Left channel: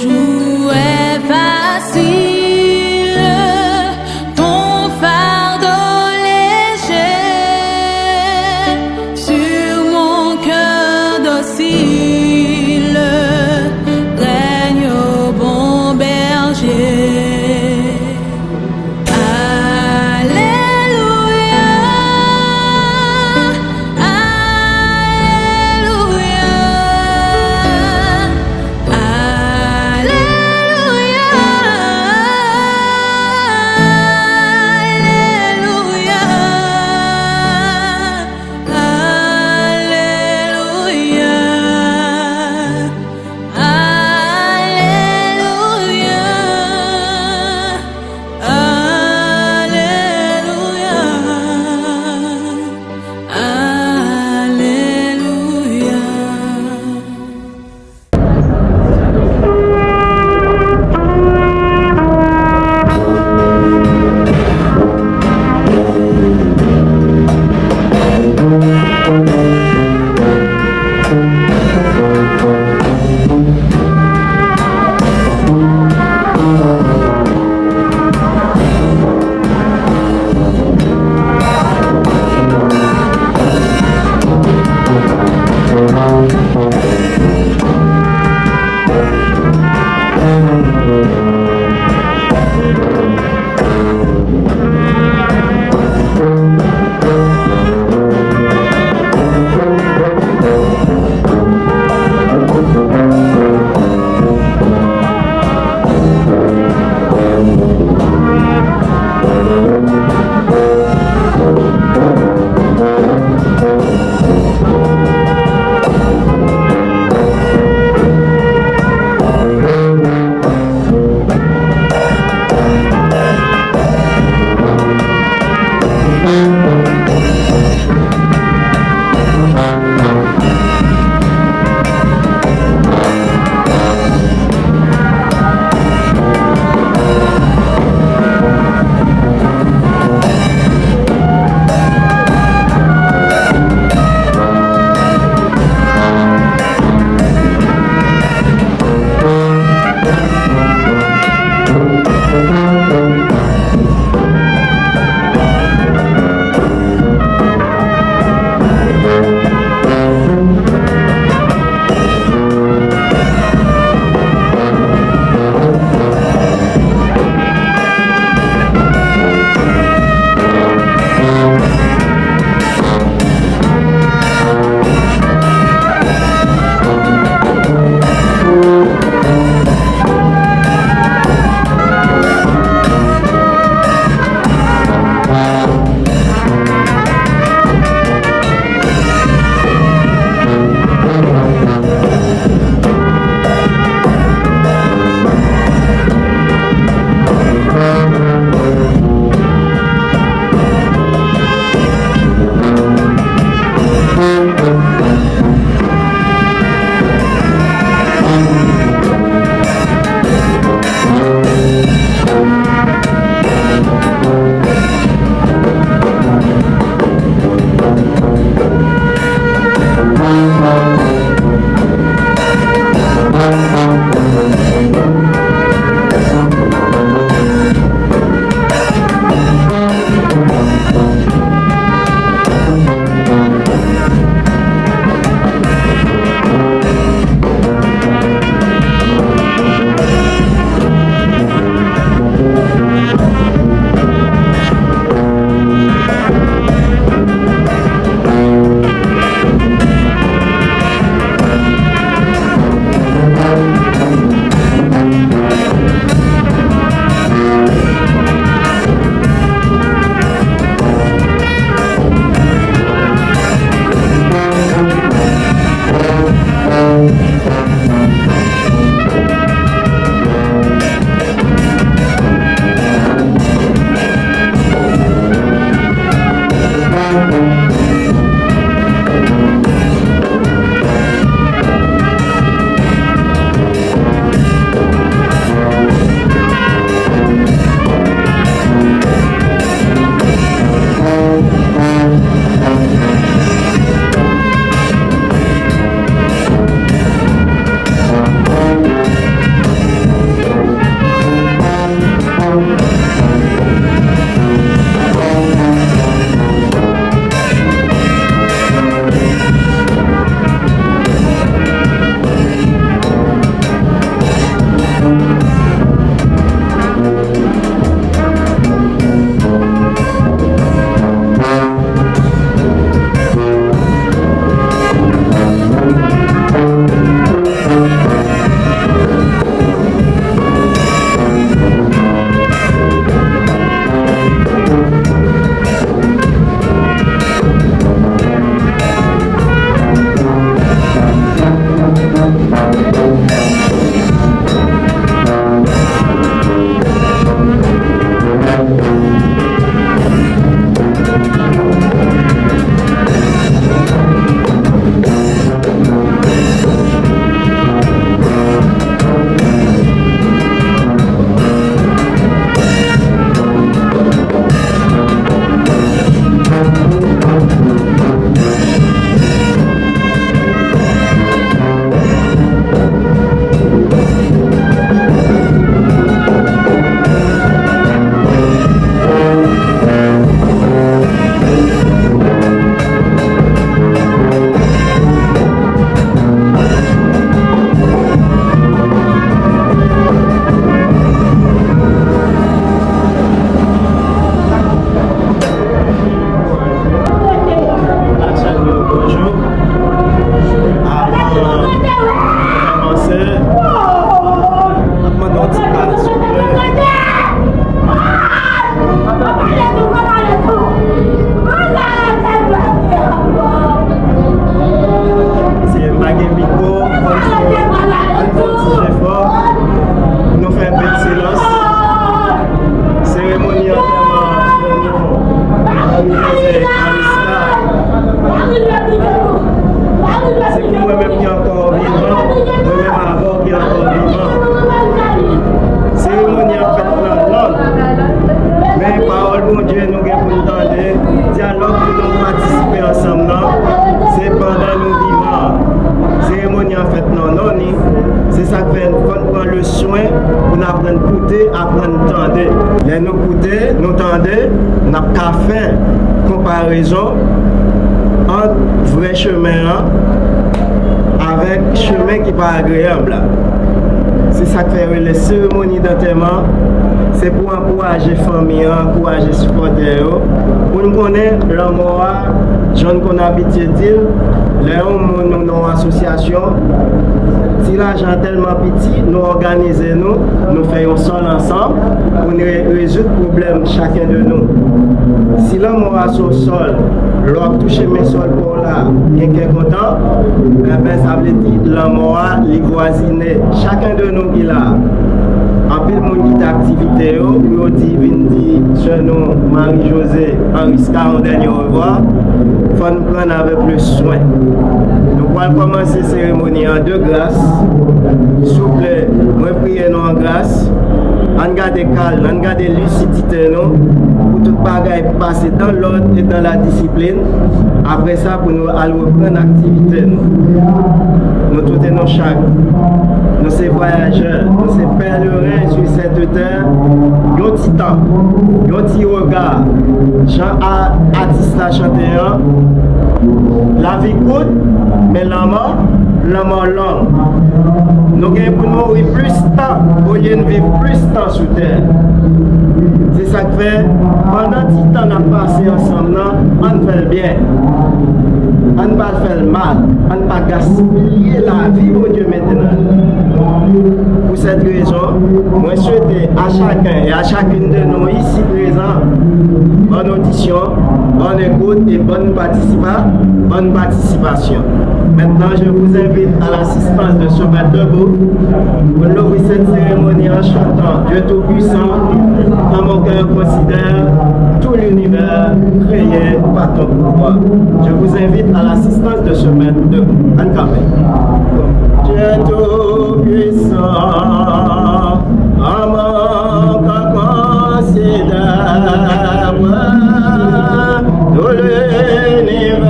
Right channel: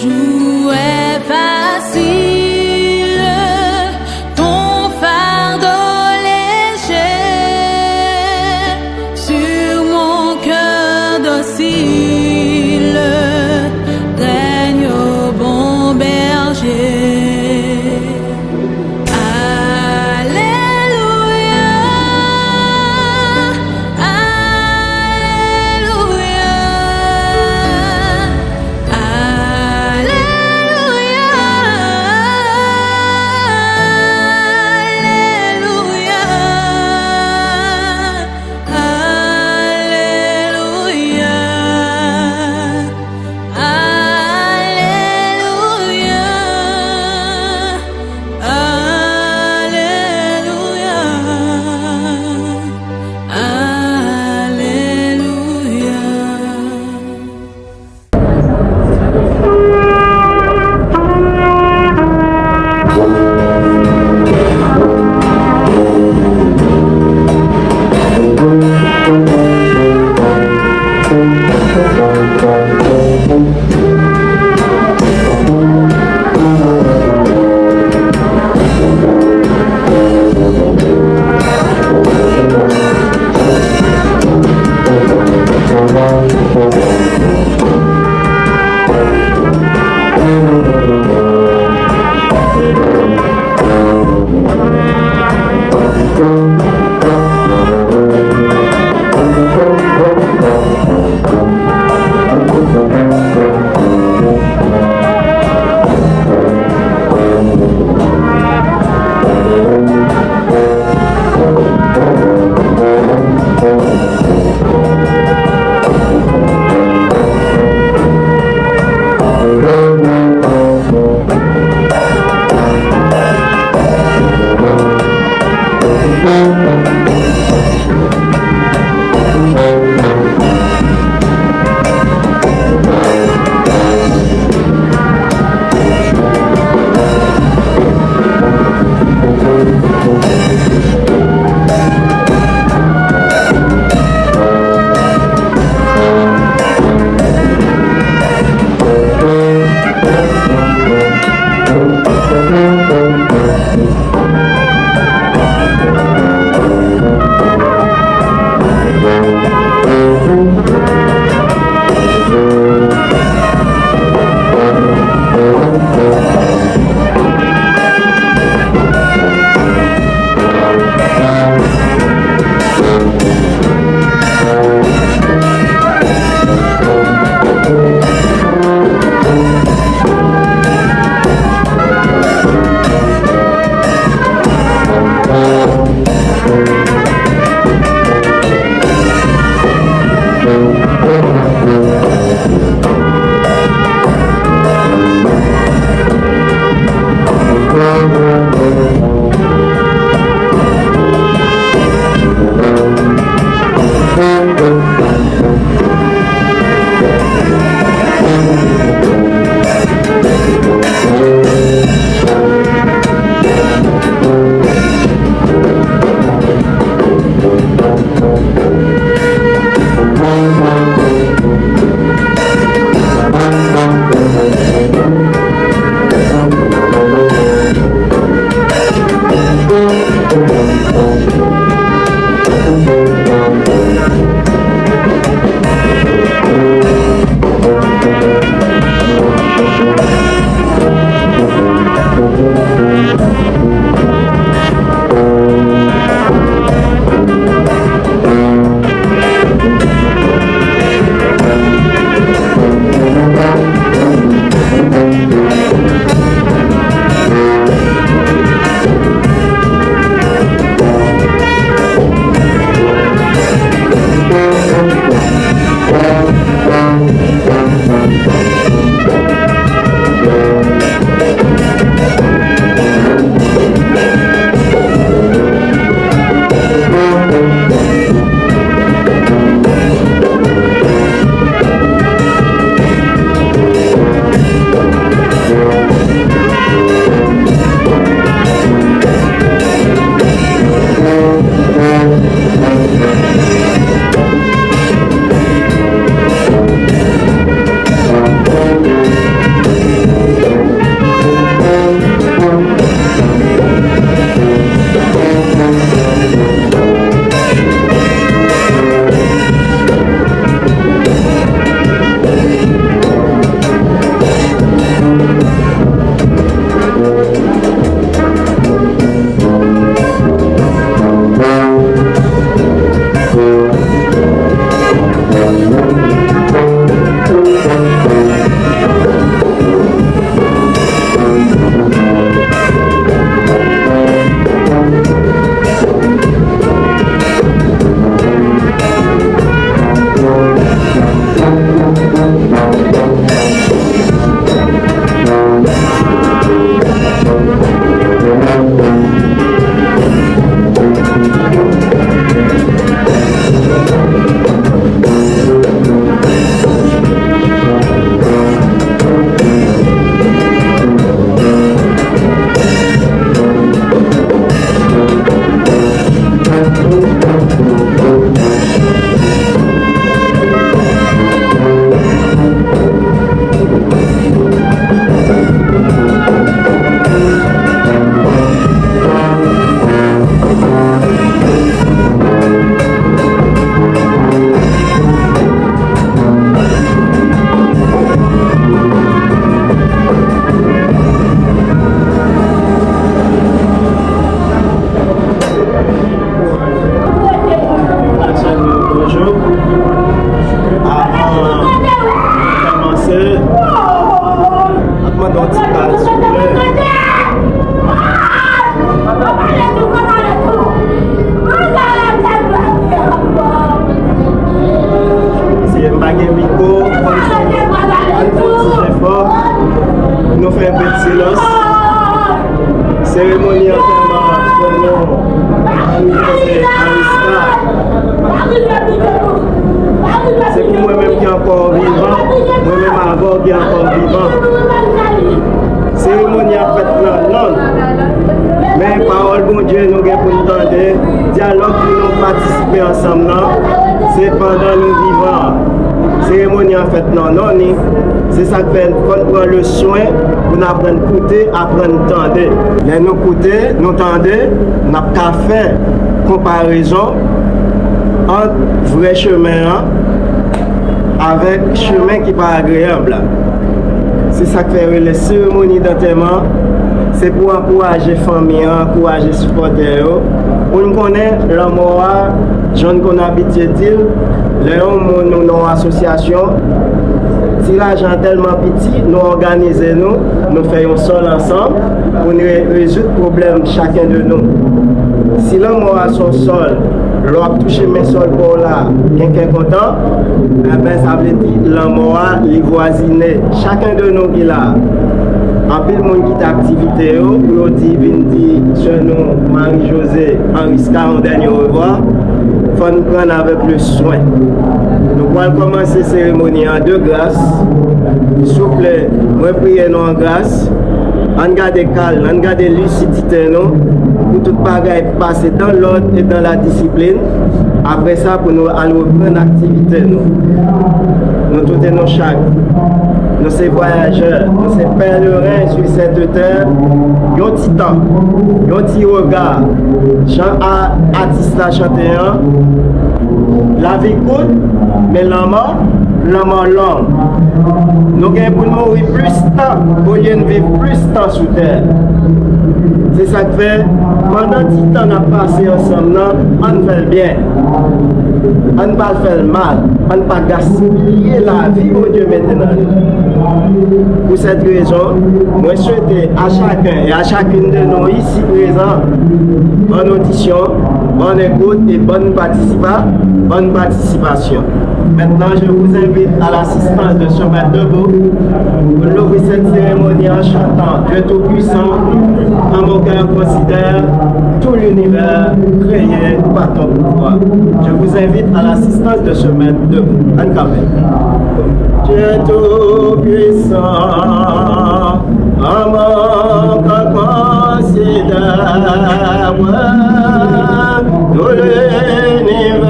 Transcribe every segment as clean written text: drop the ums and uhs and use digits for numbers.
joug est facile, ton fardeau léger, sur mon cœur docile, règne au bon berger. d'un petit bal, s'il vous plaît. C'est un baguette micro, un petit fort. Nous faisons un peu de silence. Cérémonie enterrement Marie-Josée Ariska. C'est pour moi-même qui est encore vivant, moi-même avant qui est encore vivant. Cérémonie a fait non. Mais parole bon Dieu nous avons pour nous entendre, dialogue pour nous participer ensemble, c'est pendant nous vivants. Cérémonie en fait non. C'est ça que fait prendre le soin pour nous apprendre à écouter, apprendre à entendre. Et nous écouter, nous entendre, nous avons fait comparaison entre vrai chemin avec chemin qui n'est pas agréable. C'est ça que fait les cérémonies d'enterrement. C'est pour encourager les familles, encourager les supporters. Pour nous connaître la mort, gens qu'on habite d'île, les hommes nous dans l'association. Si l'argent est tellement petit, nous organisons, nous faisons sol ensemble pour résoudre le problème chacun de nous. Si l'homme a son sol, l'homme touche mes sols pour là, quelqu'un est content, ça veut dire l'homme a les voisiner. Chacun de nous qui est là. En plus, le monde qui a activité, pour dire, sur nous, Marie-Josée, Ariska, au dernier revoir, il faut nous prendre avec le soin. Nous allons commencer la cérémonie en 2 grâces. S'il vous plaît, moi priez nous en grâce. On garde calme, on garde lucidité, pour tout bagaille passer dans l'ordre et dans la discipline. Après ça, pour nous aller reprendre l'activité. Nous tous nos chaque. Nous sommes voyageurs, nous sommes pèlerins sur cette terre. Nous avons un petit temps, nous avons un petit regard. Jean a artiste à chanter. La vie courte, mais l'homme long. Nous avons pour nous vivre plus de temps, au lieu de vivre plus de temps sur terre. C'est ça que fait, pendant que le temps a passé ensemble, on fait le bien. On ne pas faire le mal, on ne pas gaspiller la vie au Dieu maintenant. Pour cette raison, moi je souhaite à chacun et à chacune de nous ici présents, bonne audition, bonne écoute et bonne participation. Maintenant, je vous invite à l'assistance de se mettre debout pour ouvrir cette cérémonie en chantant Dieu Tout-Puissant, en mon cœur considère tout l'univers créé par ton pouvoir. Je vous invite à l'assistance de se mettre debout. En café. Dieu Tout-Puissant, en mon cœur considère tout l'univers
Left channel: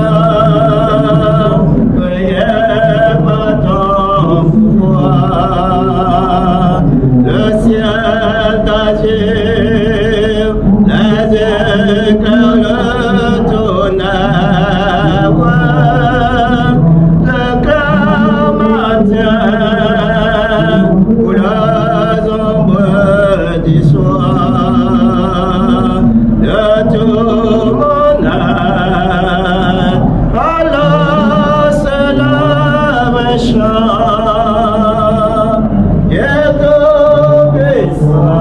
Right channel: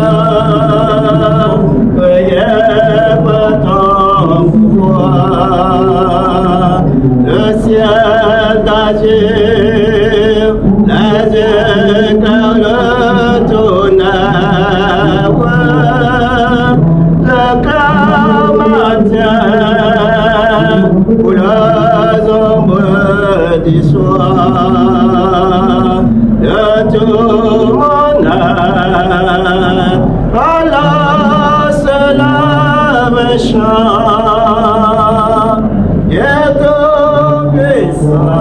créé par ton pouvoir. Le ciel d'agir, les éclairs le tonnerre, le cœur matin pour les ombres du soir, de tout mon âme, alors cela me chante, et tout puissant.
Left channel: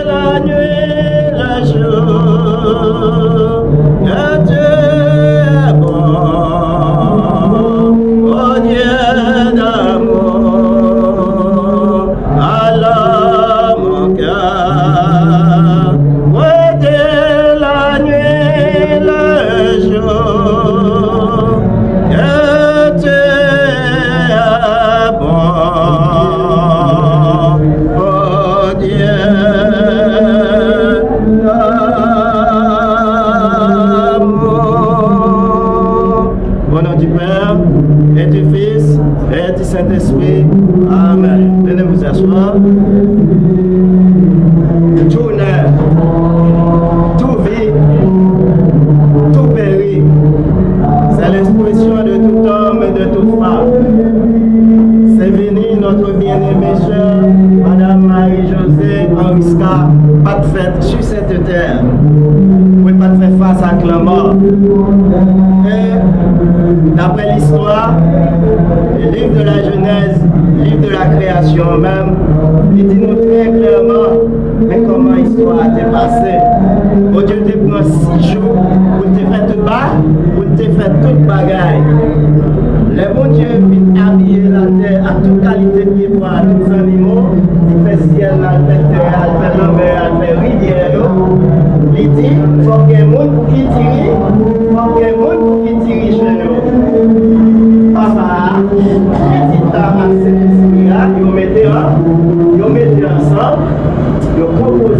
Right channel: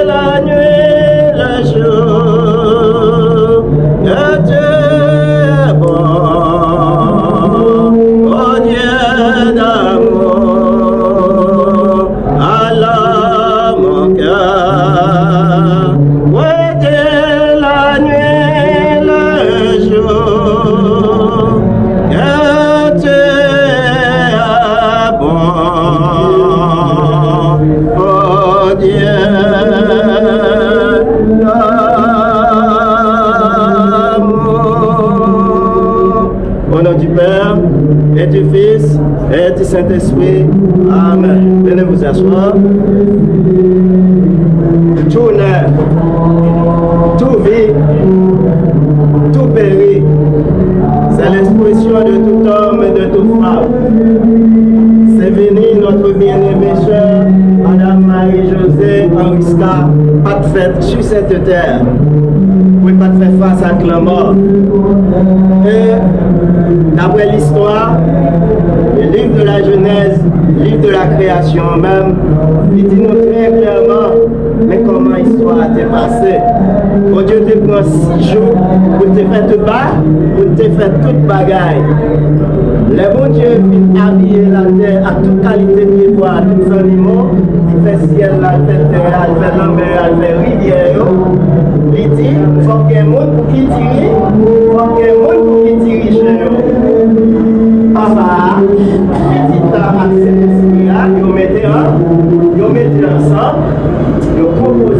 La nuit, le jour. du Saint-Esprit. Amen. Venez vous asseoir. Tout naît, tout vit, tout périt. C'est l'expression de tout homme et de toute femme. C'est venu notre bien-aimée sœur, Madame Marie-Josée Henriska, pas de fête sur cette terre. Vous ne pouvez pas faire face à la mort. Et d'après l'histoire, le livre de la Genèse, le livre de la création même, il dit nous très clairement mais comment l'histoire a été passée. Bon Dieu te prend 6 jours pour te faire tout bas, pour te faire toute bagaille. Le bon Dieu vient habiller la terre à toute qualité de bois, à tous les animaux, il fait ciel, la terre, la mer, la rivière. Il dit, il faut qu'il y ait un monde qui dirige, il faut qu'il y ait un monde qui dirige le papa, petit homme, là, nous mettons ensemble, nous proposons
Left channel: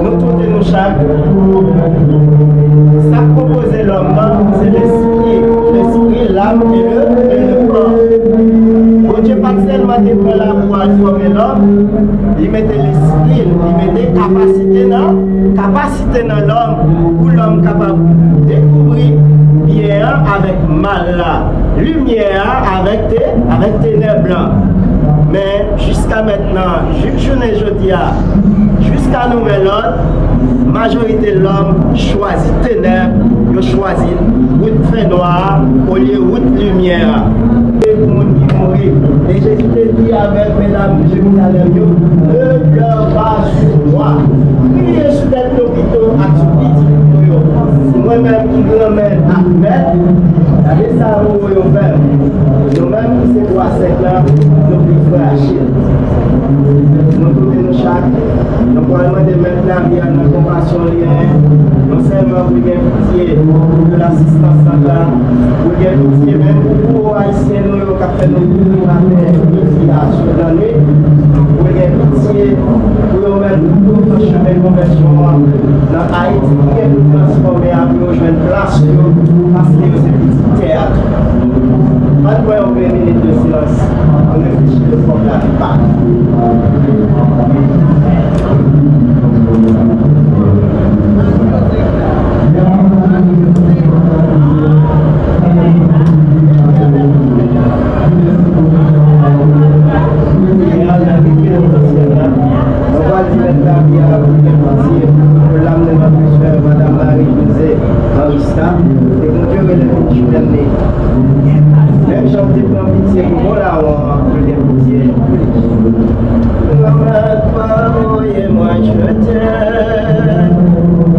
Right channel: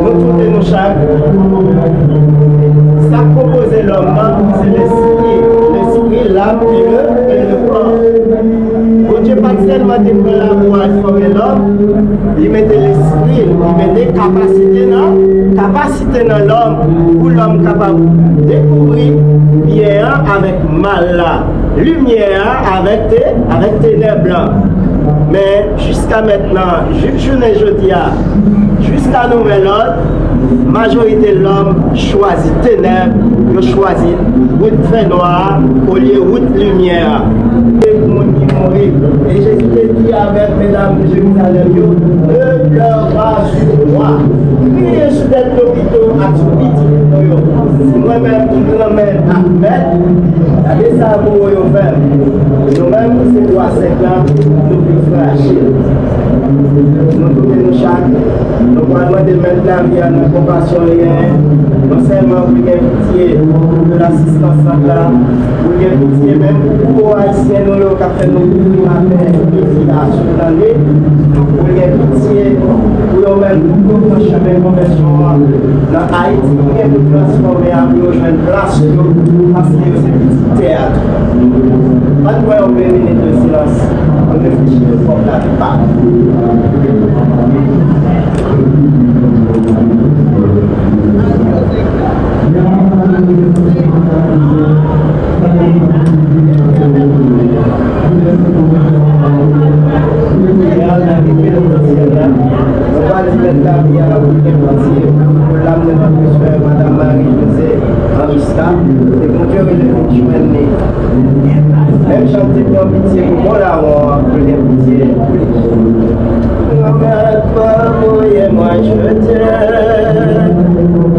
nous tous nos chaque. Ça composait l'homme, c'est l'esprit, l'âme et le corps. Bon Dieu, pas seulement de prendre la voix former l'homme, il mettait l'esprit, il mettait capacité dans l'homme, pour l'homme capable de découvrir bien avec mal là, lumière avec ténèbres. Mais jusqu'à maintenant, jusqu'à nouvel ordre, majorité de l'homme choisit ténèbres, il choisit route fait noir au lieu de route lumière. Et Jésus dit avec mesdames de Jérusalem, ne pleure pas sur moi. Priez sur les hôpitaux à tout petit. Moi-même qui vous emmène à mettre, les amours et au verre. Nous-mêmes qui c'est 3 ans, nous devons agir. Nous devons chaque. Nous parlons de mettre la vie à nos compassion, nous servons pour les pitiés, pour l'assistance à la pour les pitiés, même pour haïtiens, nous avons fait nos tours à terre, pour la nuit, pour les pitiés, pour nous-mêmes, pour nous changer conversion dans Haïti, pour nous transformer à nous, je vais rassurer, parce que c'est un petit théâtre. Après, on fait une minute de silence, on réfléchit le fond de la Madame Marie-Josée Henriska, et mon Dieu, je même chanter pour pitié, pour l'avoir, pour les pitiés. Moi, je t'aime,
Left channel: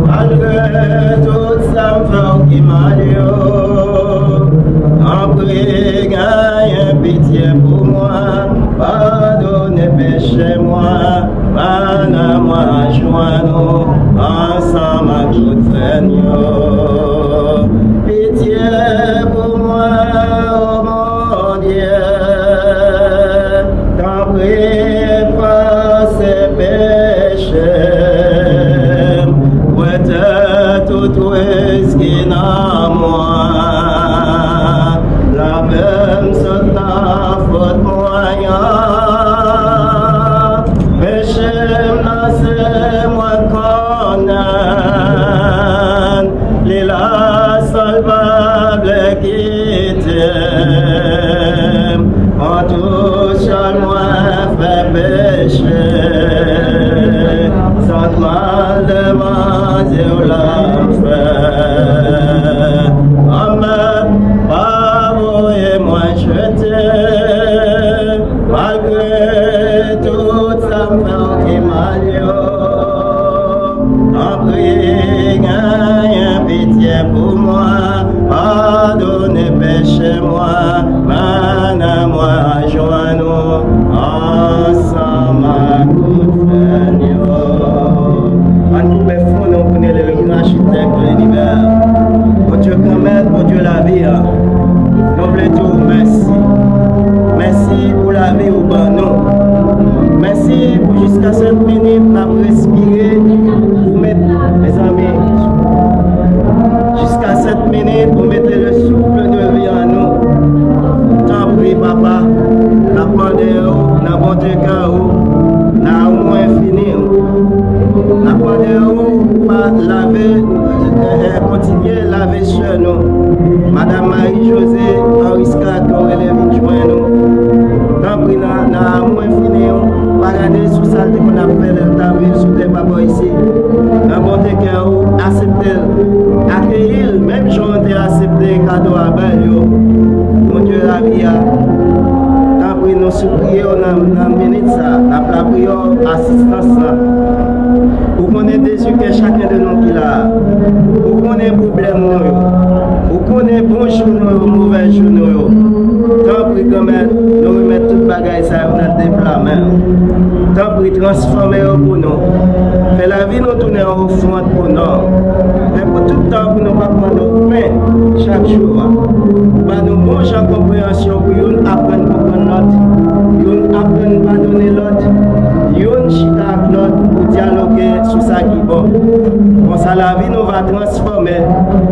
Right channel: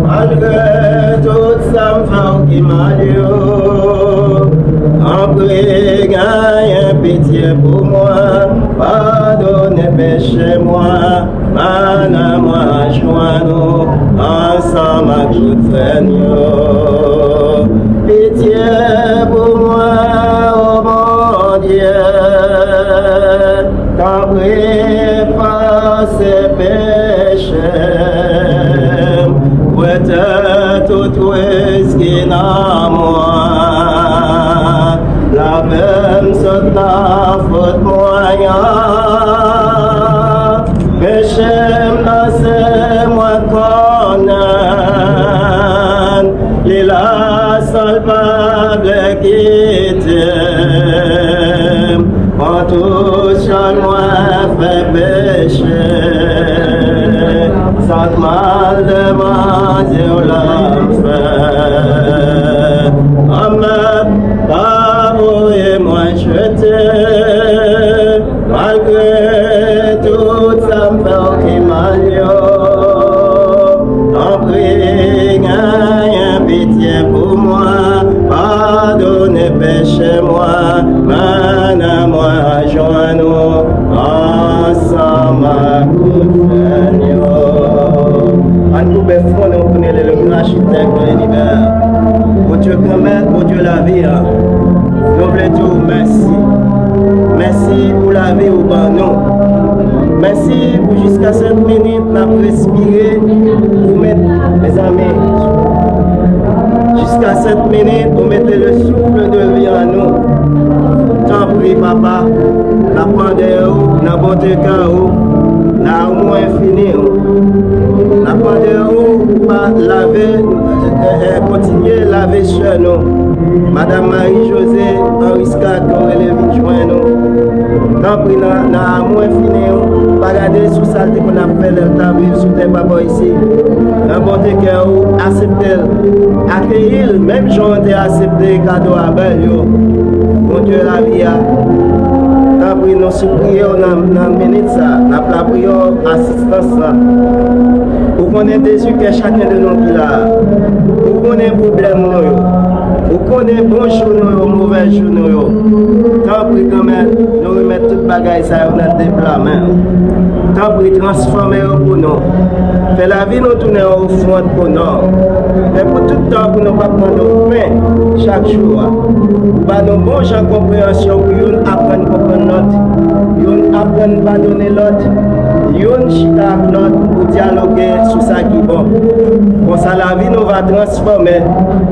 malgré tout ça me fait qui m'a dit, après, gagne pitié pour moi, pardonnez péché moi, madame, moi, joins-nous, ensemble à tout Seigneur. Pitié pour moi, oh mon Dieu, t'en prie pas ces péchés, ouais, tout risque dans moi, la même sorte de faute moyen, péché c'est moi condamne, la salvable qui t'aime, en tout seul moi fait pécher, sans mal de mentir l'homme fait. Amen, pardon et moi je t'aime, malgré tout ça me fait qui m'allie. En prie, gagne pitié pour moi, pardonnez péché moi, madame moi, joins-nous ensemble. architecte de l'univers. Bon Dieu, commettre, bon Dieu, la vie. Nous voulons dire merci. Merci pour la vie au banon. Merci pour jusqu'à cette minute, nous avons respiré pour mettre, mes amis, jusqu'à cette minute, pour mettre le souffle de vie en nous. T'en prie, papa, nous demandons, nous bonté cœur, nous amour infini. Nous demandons pour laver, continuer à laver sur nous. Madame Marie-Josée, Henri Scott, qu'on relève une joint nous. Tant pis, dans l'amour infini, pas regarder sous saleté qu'on a fait la ville sous tes papas ici. Dans bon cœur, accepter, accueillir, même si on a accepté cadeau à belle, mon Dieu, la vie a. Tant pis, nous supplions dans la minute, dans la prière, assistance. Pour qu'on ait des yeux que chacun de nous qui l'a. Pour qu'on ait un problème, nous. Vous connaissez bon jour, nous, mauvais jour, nous. Tant pis, quand même, nous remettons toute bagaille, ça, on a des plans. Tant pis, transformer pour nous. Fait la vie, nous tourner au front pour nous. Mais pour tout le temps, pour nous pas prendre pain chaque jour. Pour nous bon gens de compréhension, pour nous apprendre à comprendre l'autre. Nous apprendre à pardonner l'autre. Nous chita avec l'autre pour dialoguer sur ça qui est bon. Comme ça, la vie nous va transformer.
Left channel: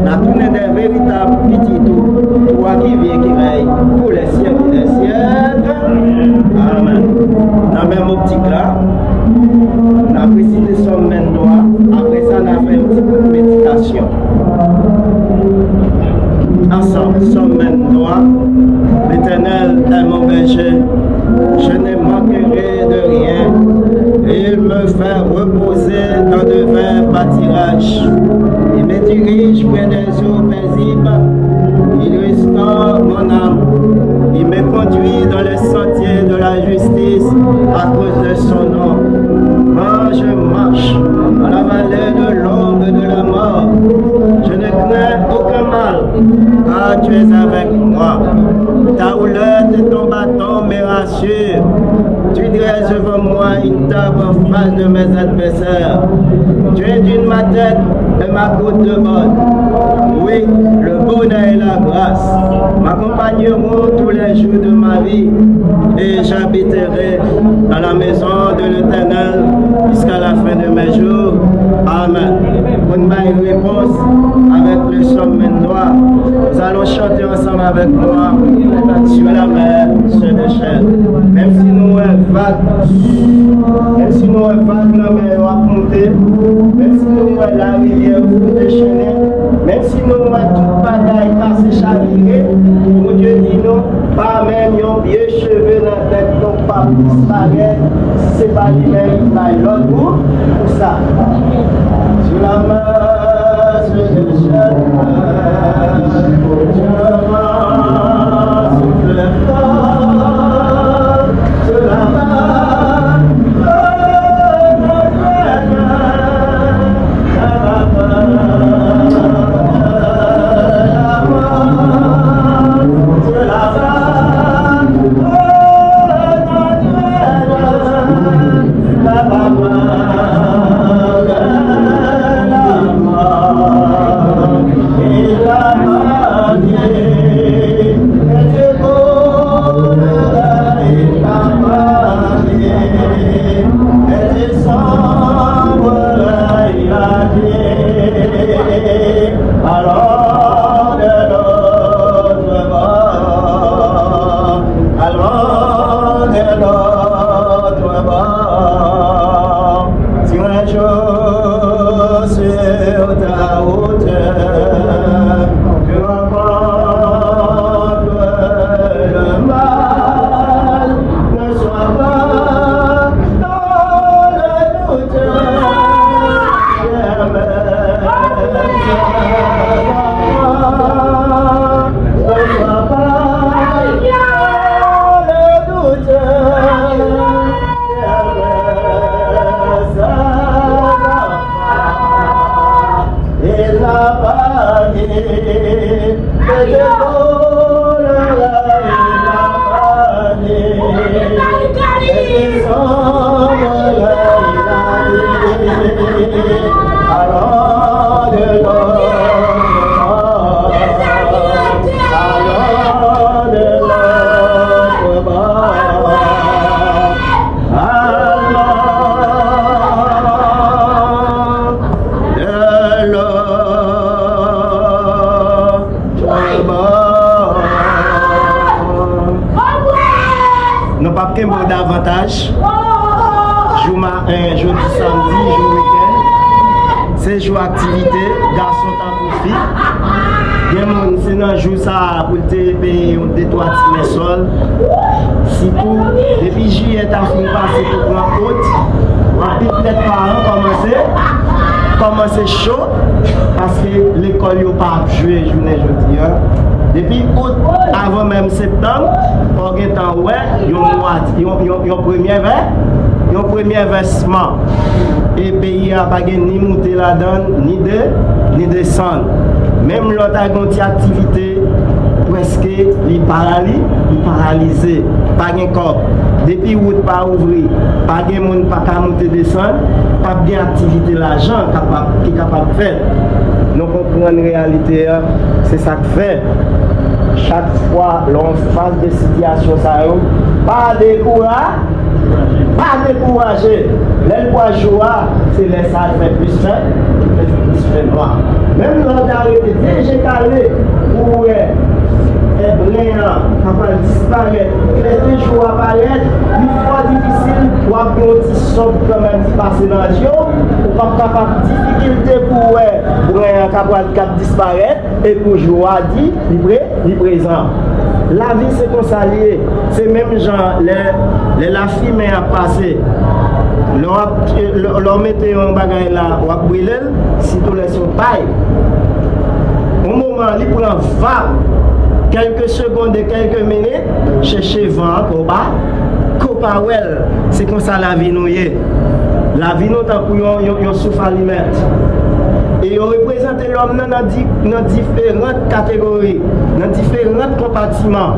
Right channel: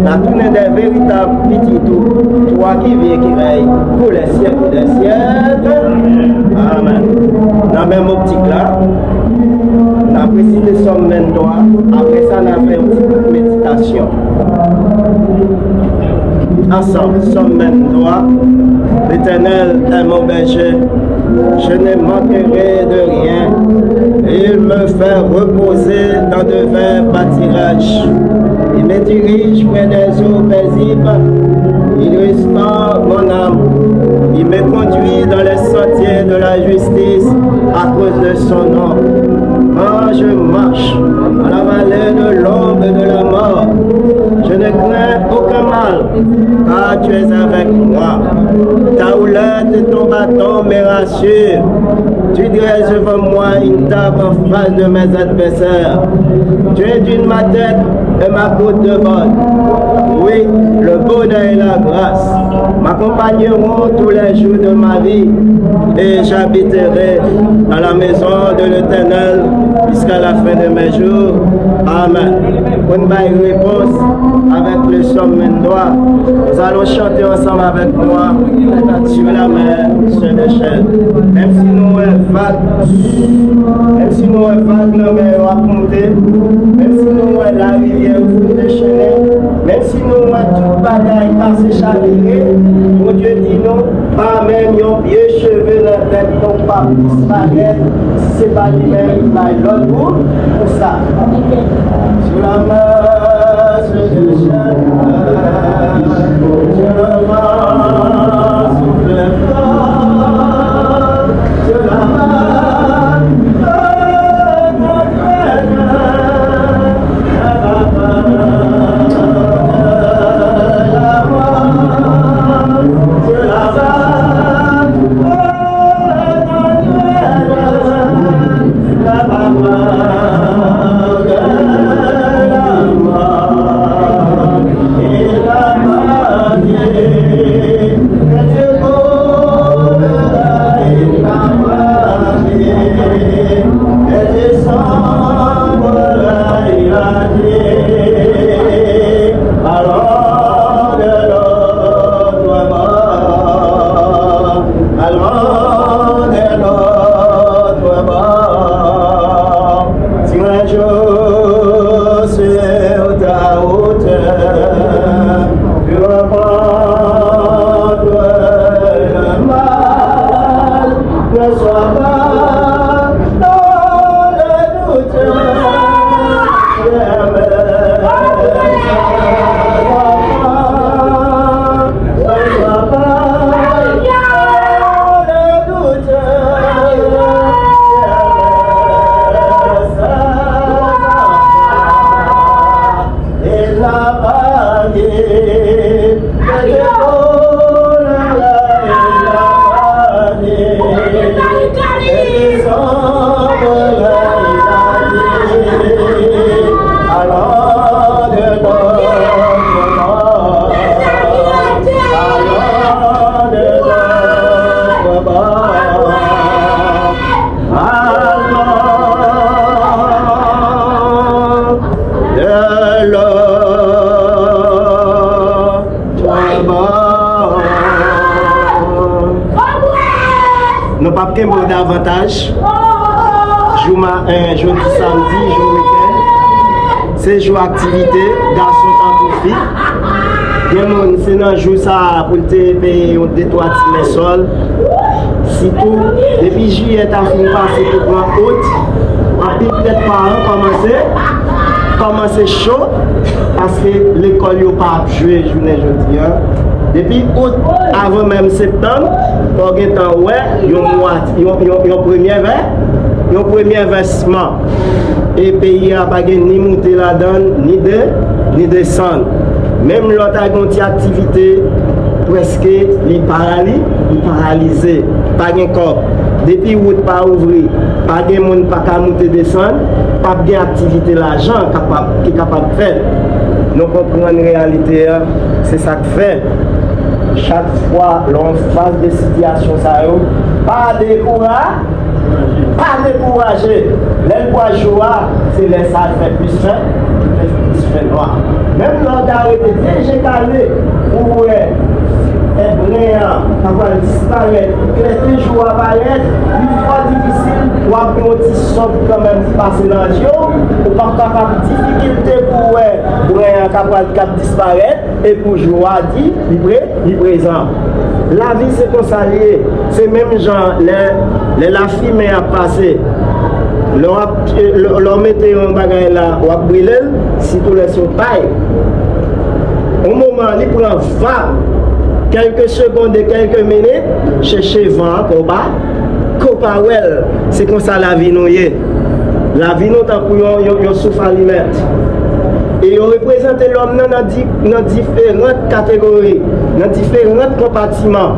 La tournée des véritables petits tout. Toi qui viens, qui règne pour les siècles des siècles. Amen. Dans la même optique là, on a précisé somme mentoire. Après ça, on a fait un petit peu de méditation. Ensemble, somme mentoire. L'Éternel est mon berger. Je ne manquerai de rien. Il me fait reposer dans de verts pâtirages. Il me dirige près des eaux paisibles. Il restaure mon âme. Il me conduit dans les sentiers de la justice à cause de son nom. Quand je marche dans la vallée de l'ombre de la mort, je ne crains aucun mal, car tu es avec moi. Ta houlette et ton bâton me rassurent. Tu dresses devant moi une table en face de mes adversaires. Tu es d'une ma tête et ma côte de bonne. Oui, le bonheur et la grâce m'accompagneront tous les jours de ma vie et j'habiterai dans la maison de l'Éternel jusqu'à la fin de mes jours. Amen. Pour une réponse avec le somme mendois, nous allons chanter ensemble avec moi sur la mer, sur le chêne. Même si nous sommes vagues, même si nous sommes vagues, nous sommes racontés, même si nous sommes la rivière au bout de chemin, même si nous sommes toute bataille à s'échapper, mon Dieu dit non, pas même un vieux cheveu dans la tête, non pas disparaître, si ce n'est pas lui-même, il va l'autre bout, ça. Sur la mer, sur le chêne, mon Dieu pas davantage. Jour samedi, jour week-end. C'est jour activité, garçon temps pour filles. C'est dans jour ça pour te payer un détoit de sol. Si tout, depuis juillet, tu as fini passer pour prendre haute. Peut-être parents commencer chaud parce que l'école n'a pas joué journée aujourd'hui. Depuis août, avant même septembre, pour un temps, ouais, il y a un premier versement. Et le pays n'a pas ni monté la donne, ni descendre. Même l'autre activité, presque, il paralysé, pas de corps. Depuis août, pas ouvrir, pas de monde pas monter descendre, pas de activité l'argent qui est capable de faire. Nous comprenons la réalité, c'est ça que fait. Chaque fois, l'on passe des situations, pas décourager. Même pour le choix, c'est les ça fait plus simple, plus noir. Même quand j'ai calé, pour être brillant, capable de disparaître, que les jours apparaissent, il est trop difficile pour avoir un petit somme quand même de passer dans la jour, pour avoir une difficulté pour brillant capable de disparaître, et pour jouer dit, il est présent. La vie c'est comme ça lié, c'est même genre, la fille a passé. L'on mettait un bagage là, on a brûlé, si tout les sont paille. Au moment où il prend quelques secondes et quelques minutes, chercher vent, combat, c'est comme ça la vie nous est. La vie nous est pour un souffle à limite. Et on représente l'homme dans différentes catégories, dans différents compartiments,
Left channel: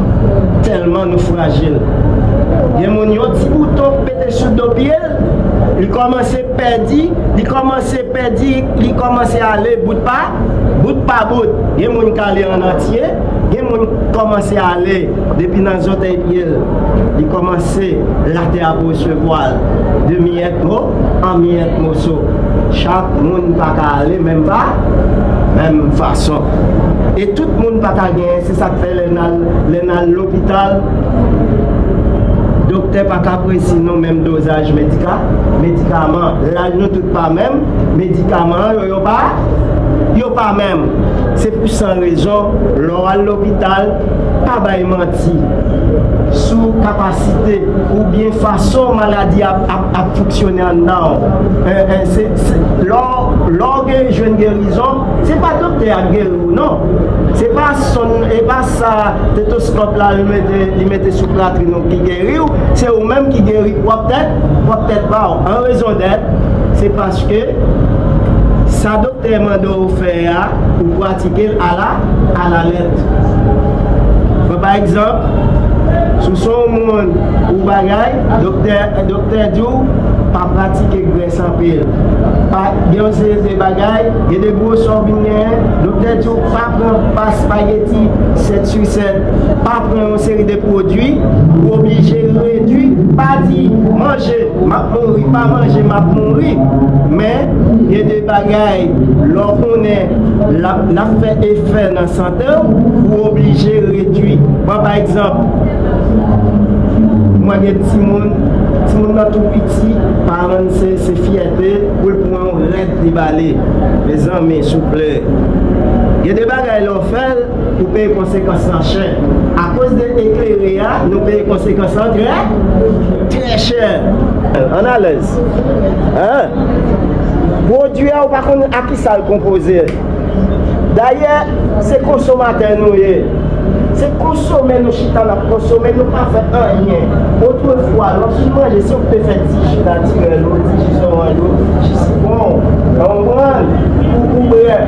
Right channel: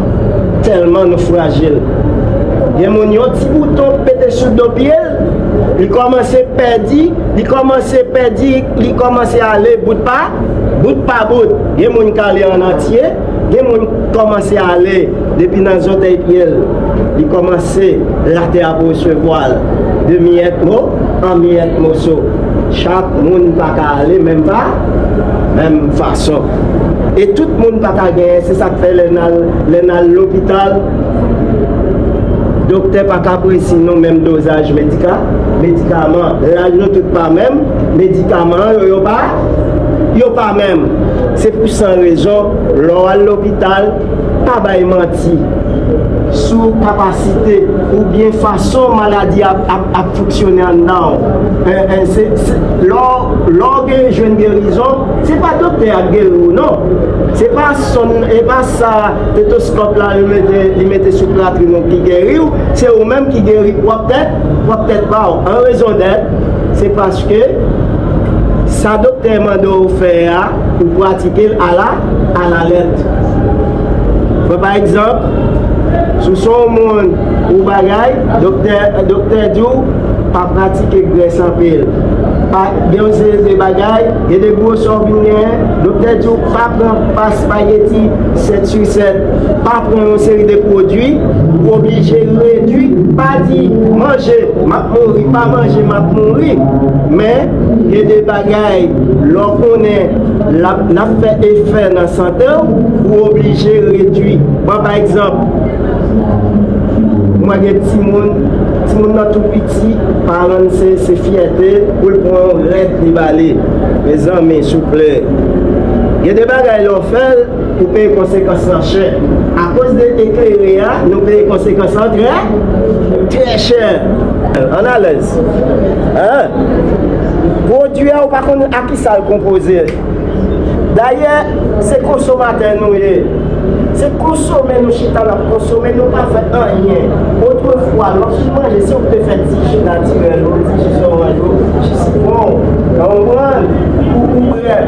tellement nous fragiles. Il y a un petit bouton pété sur le pied, il commence à perdre, il commence à aller bout par bout. Il y a un qui aller en entier, il y a un qui commence à aller depuis dans les autres pieds, il commence à la terre pour recevoir de miette en miette morceau. Chaque monde ne peut pas aller même façon. Et tout le monde ne peut pas gagner, c'est ça que fait l'hôpital. Docteur pas apprécier non même dosage médicament. Là nous tout pas même médicaments yo pas même. C'est pour sans raison l'on à l'hôpital pas bail menti sous capacité ou bien façon maladie à fonctionner en dedans. L'orgue jeune guérison, c'est pas docteur à guérir non. C'est pas ça stéthoscope là il mettait sur plâtre qui guérit, c'est eux même qui guérit ou peut-être pas. En raison d'être, c'est parce que ça docteur m'a faire pour pratiquer à la lettre. Par exemple, sous son monde ou bagaille, docteur Diou, pas pratiquer graisse en pile. Il y a des bagailles, il y a des gros souvenirs, docteur Diou, pas spaghetti 7 sur 7, pas prendre une série de produits, obligé de réduire, pas dit manger, pas manger, mourir. Mais il y a des bagailles, l'on connaît, la fait effet dans la santé, ou obligé de réduire. Par exemple, moi, j'ai des petits monde tout petit, parents, c'est fierté pour le prendre l'aide déballé. Mes amis, s'il vous plaît. Il y a des bagages qu'on fait pour payer les conséquences en cher. À cause de l'éclairé, nous payons les conséquences en très cher. On a l'aise. Produit, on va à qui ça composé. D'ailleurs, c'est consommateur nous. C'est consommer nos chita, consommer nos cafés de rien. Autrefois, lorsque moi j'ai sûr de faire 10 chita, je suis bon.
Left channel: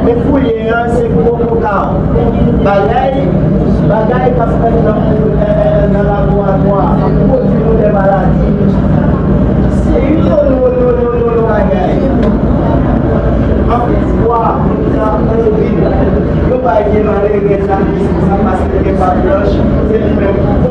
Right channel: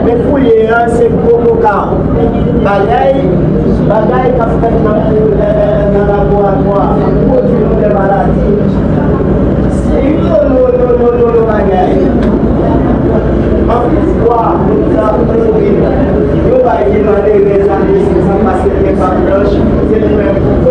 Mais pour les là, c'est pour le cas. Bagaille, qu'a fait dans le laboratoire, pour dire des maladies. Si nous bagaille. Après, nous allons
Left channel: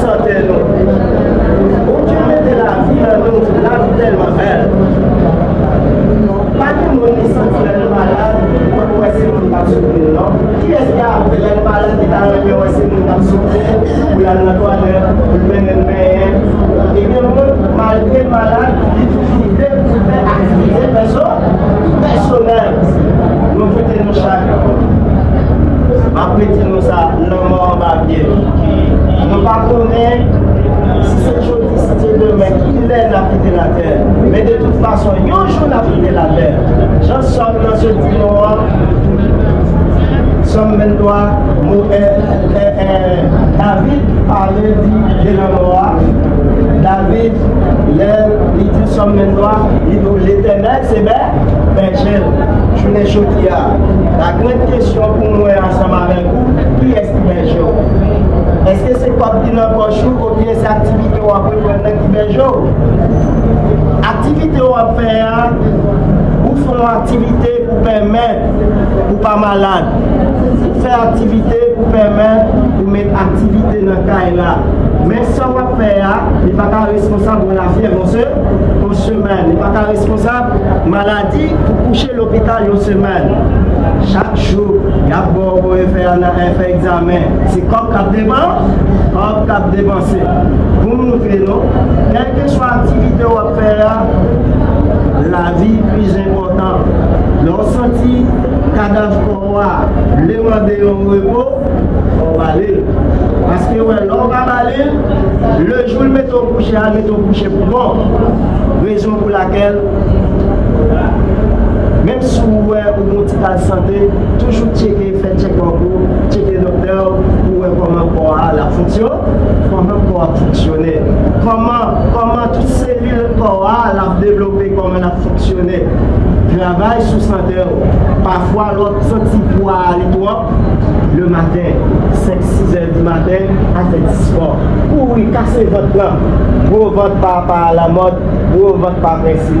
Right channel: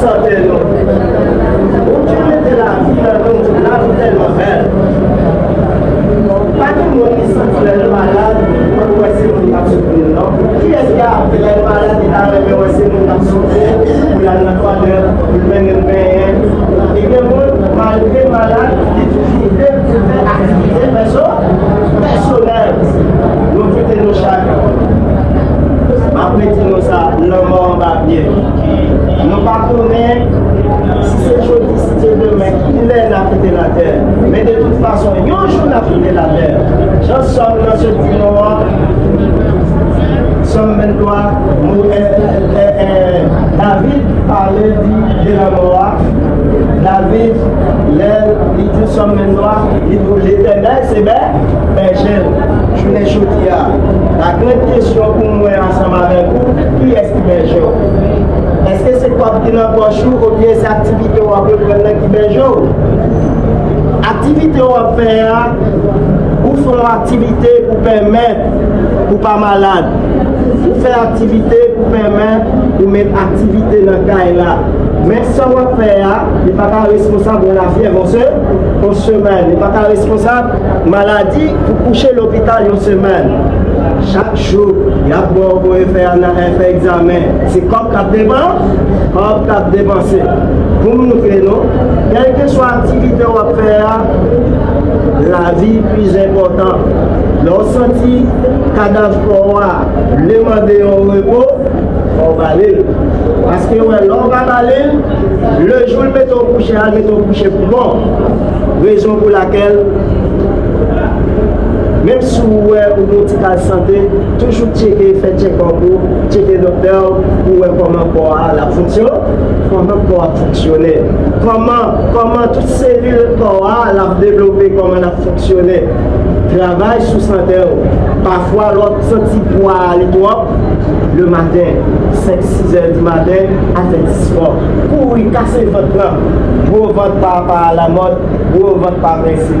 santé nous. Bon Dieu mettait la vie tellement belle. Pas de monde qui sentit le malade, on va essayer de s'assurer, non? Qui est-ce qui a le malade qui a essayer de s'assurer, ou la toilette, ou le bain, et que malgré le malade, il fait activité personnelle. Nous faisons nos chaque. Après, nous ça, le monde va bien. Nous ne connaissons pas si c'est aujourd'hui, si c'est demain, il est là pour la terre. Mais de toute façon, il y a un jour là pour la terre. J'en sommes dans ce dimanche. Somme 23, David parlait de la loi. David, il dit Somme 23, il dit l'éternel, c'est bien, je l'ai choisi. La grande question pour moi ensemble avec vous, qui est-ce qui est jour? Est-ce que c'est quoi qui est dans ou bien c'est activité ou à peu près qui est jour? Activité ou à faire, ou faire activité pour permettre, ou pas malade. Ou faire activité pour permettre, ou mettre activité dans le cas là. Mais ça va faire, il n'est pas responsable de la fièvre en semaine. Il n'est pas responsable de maladie pour coucher à l'hôpital en semaine. Chaque jour, il y a bon pour faire un examen. C'est comme cap dépensé. Pour nous, quelle que soit l'activité qu'on va faire, la vie est plus importante. Lorsqu'on sentit cadavre qu'on va demander au repos, on va aller. Parce que l'on va aller, le jour où nous mettons coucher pour bon. Raison pour laquelle, même si vous avez une petite santé, toujours checker, faire check en cours, checker le docteur pour voir comment la fonction, comment pour fonctionner, comment toutes ces cellules corps la développer, comment la fonctionner. Travail sous santé. Parfois, l'autre sorti pour aller le matin, 5-6 heures du matin, à 10 soirs, pour lui casser votre bras, pour votre par la mode, pour votre par ici.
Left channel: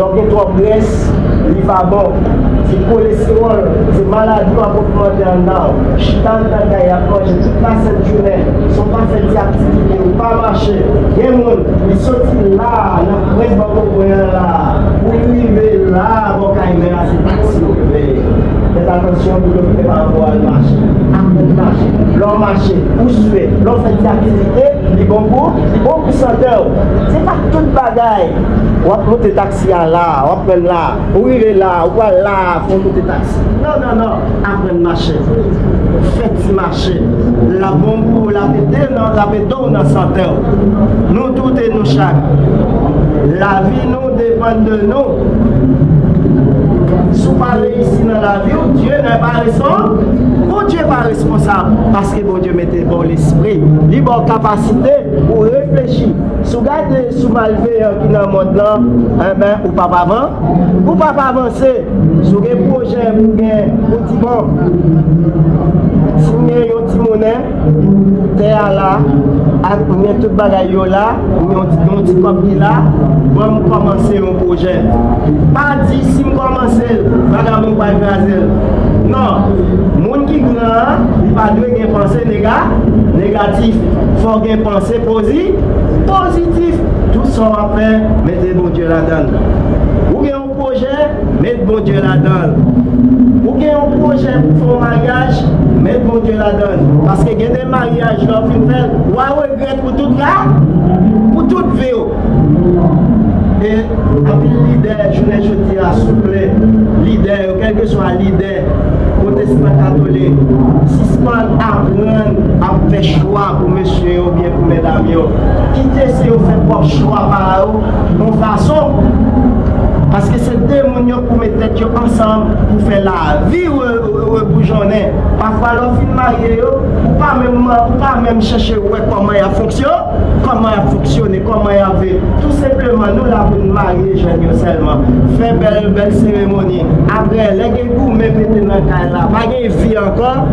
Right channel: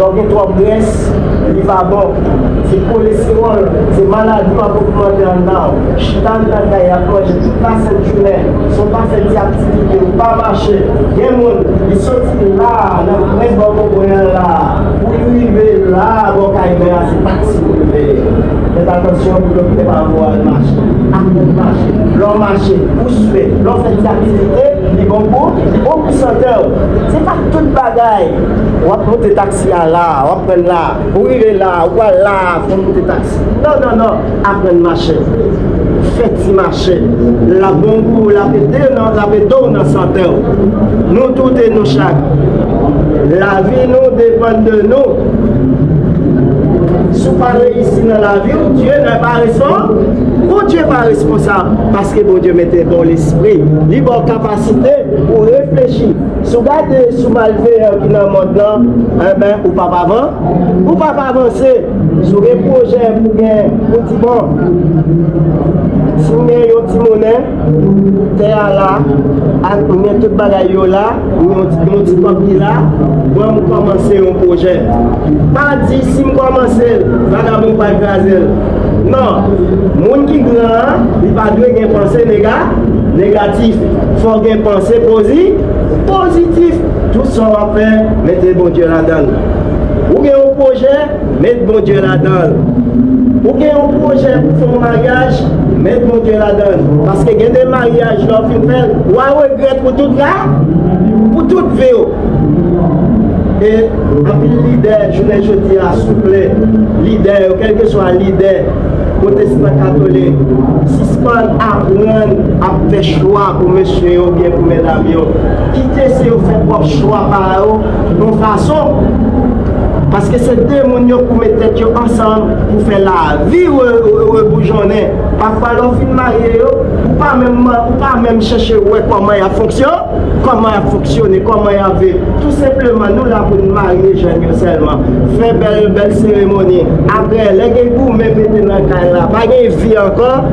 Donc, il trop graisse, il va bon. C'est cholestérol, c'est maladie pour le temps. Chitan de la caille à manger toute la journée, ils sont pas fait des activités, ils ne pas marcher. Il y a des gens qui sortent là, le reste va mourir là. Pour arriver là, donc c'est pas si faites attention pour ne pas avoir un marché. Le marché, pousser, l'on fait des activités, les concours, beaucoup senteur. C'est pas tout le bagaille. On va monter des taxis là, on va prendre là, oui là, voilà, on va monter des taxis. Non, après le marché. Faites du marché. La bonne pour la pédale dans la santé. Nous tous et nous chaque. La vie nous dépend de nous. Si vous parlez ici dans la vie, Dieu n'est pas responsable. Bon Dieu n'est pas responsable. Parce que bon Dieu mettait bon l'esprit. Il a bonne capacité pour réfléchir. Si vous regardez, si vous arrivez qui dans le monde là, ou pas avant, ou pas avancer sur des projets pour gagner petit bon. Si vous avez un petit monnaie, terre là, vous mettez tout le bagaille là, vous mettez un petit papier là, vous commencez un projet. Pas dire si vous commencez, vous pas écraser. Non, les gens qui sont grands, ils ne doivent pas penser négatif. Il faut qu'ils pensent positif. Tout ça va faire, mettez bon Dieu là-dedans. Ou bien un projet, mettez bon Dieu là-dedans. Ou bien un projet pour faire un mariage, mettez bon Dieu là-dedans. Parce qu'il y a des mariages là, qui font, ou à regret pour tout là, pour toute vie. Et un leader, je ne dis pas souple, leader, quel que soit leader, protestant catholique, si ce qu'on apprend à faire choix pour monsieur ou bien pour mesdames, quittez si vous faites votre choix par eux, de façon. Parce que c'est deux gens pour mettre tête ensemble pour faire la vie ou bougeonner. Parfois, l'on finit marié, pas même chercher comment il fonctionne, comment il fonctionne, comment il fait. Tout simplement, nous là pour nous marier, jeunes seulement. Faire belle cérémonie. Après, les gens qui me mettent dans le cas là, pas de vie encore,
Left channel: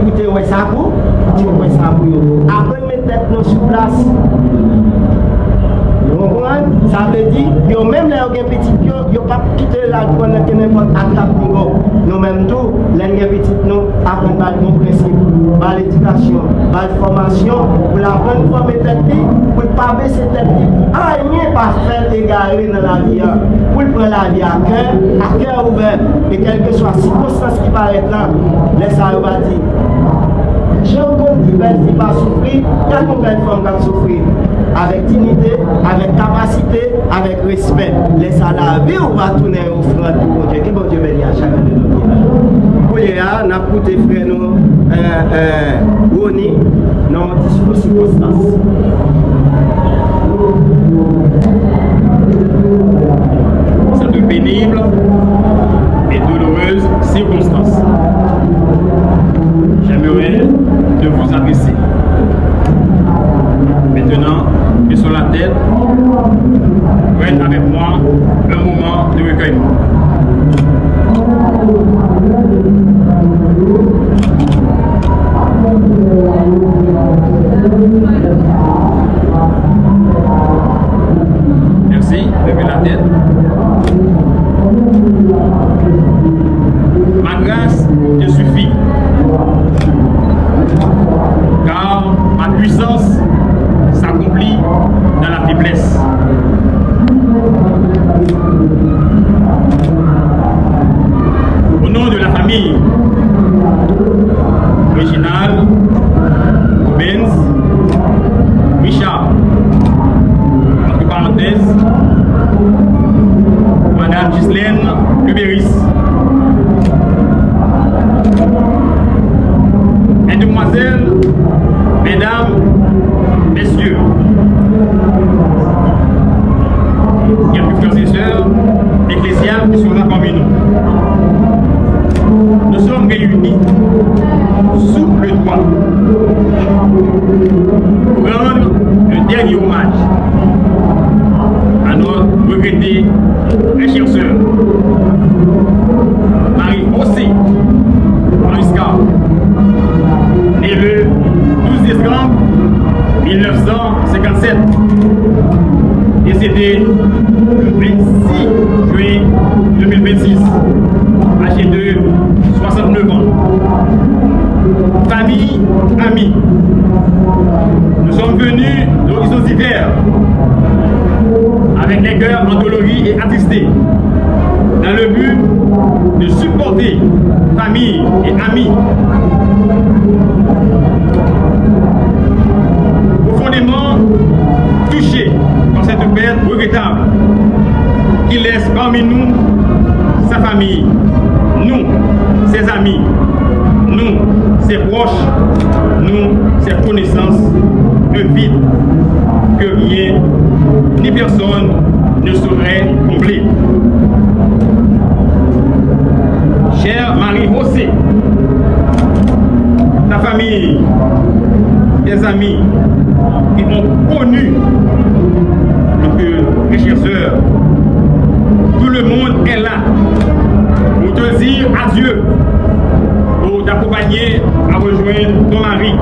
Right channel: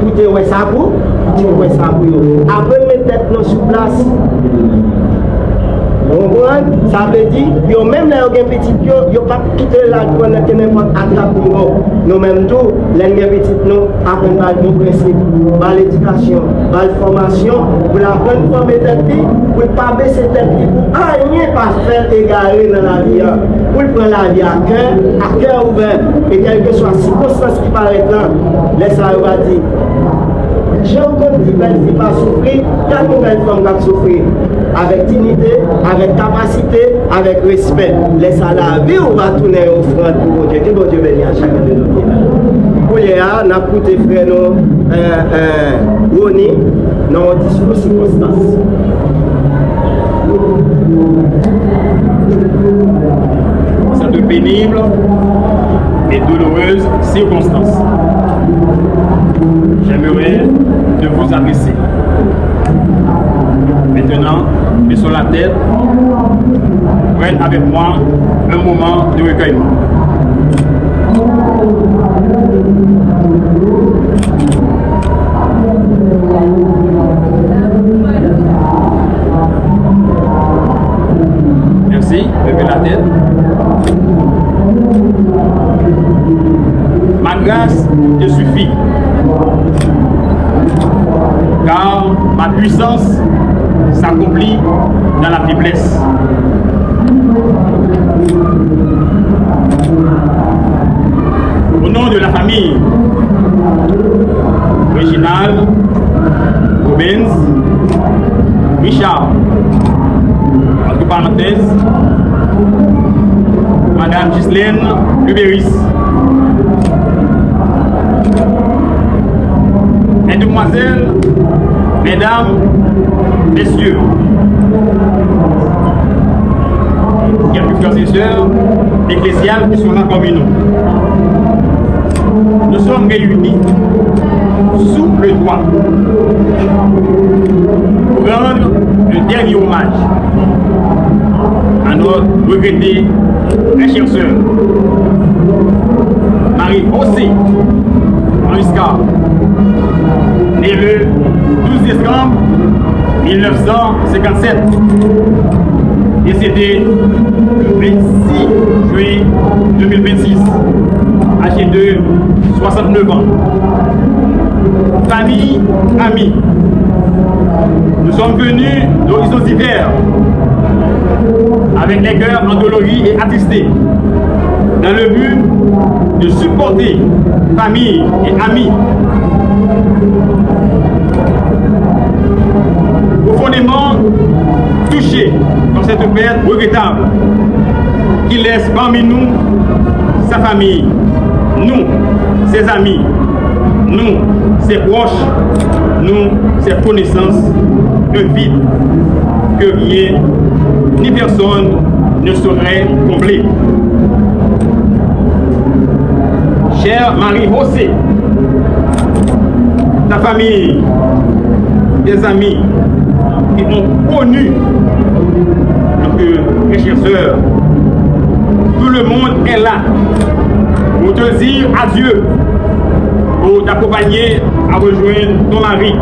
pour te voir ça pour eux. Après, mettre tête sur place. Comprenez? Ça veut dire, yo même là, yo petit, yo pas quitter la pour n'importe attaque pour nous même tout, les petits nous apprennent par nos principes, par l'éducation, par la formation, pour la bonne forme de tête, pour ne pas baisser tête, rien pas faire égarer dans la vie, pour prendre la vie à cœur ouvert, et quelle que soit la circonstance qui paraît là, laisse-la va dire. J'ai encore dit belle fille pas souffrir, quand une belle femme va souffrir. Avec dignité, avec capacité, avec respect. Laisse à la vie, on va tourner offrande pour Dieu. Que bon Dieu bénisse à chacun de nous qui est là. Pour les gars, on a écouté frère nous, Roni, dans le discours circonstance. Pour cette pénible et douloureuse circonstance, j'aimerais de vous adresser. Maintenant, et sur la tête, prennent avec moi un moment de recueillement. Merci, levez la tête. Ma grâce te suffit, car ma puissance s'accomplit dans la faiblesse. Au nom de la famille Réginald, Rubens, Richard, entre parenthèses, Madame Ghislaine Lubéris, Mesdemoiselles, Mesdames, Messieurs, quelques frères et sœurs ecclésiales qui sont là parmi nous. Nous sommes réunis sous le toit pour rendre le dernier hommage à notre regrettée très chère sœur Marie-Josée Mariscal, née le 12 décembre 1957, décédé le 26 juin 2026, âgé de 69 ans. Famille, amis, nous sommes venus d'horizons divers, avec les cœurs endoloris et attristés, dans le but de supporter famille et amis, profondément touchés par cette perte regrettable qui laisse parmi nous sa famille, nous, ses amis, nous, ses proches, nous, ses connaissances, un vide que rien ni personne ne saurait combler. Chère Marie-Josée, ta famille, tes amis qui ont connu notre chère sœur, tout le monde est là pour te dire adieu, pour t'accompagner à rejoindre ton mari.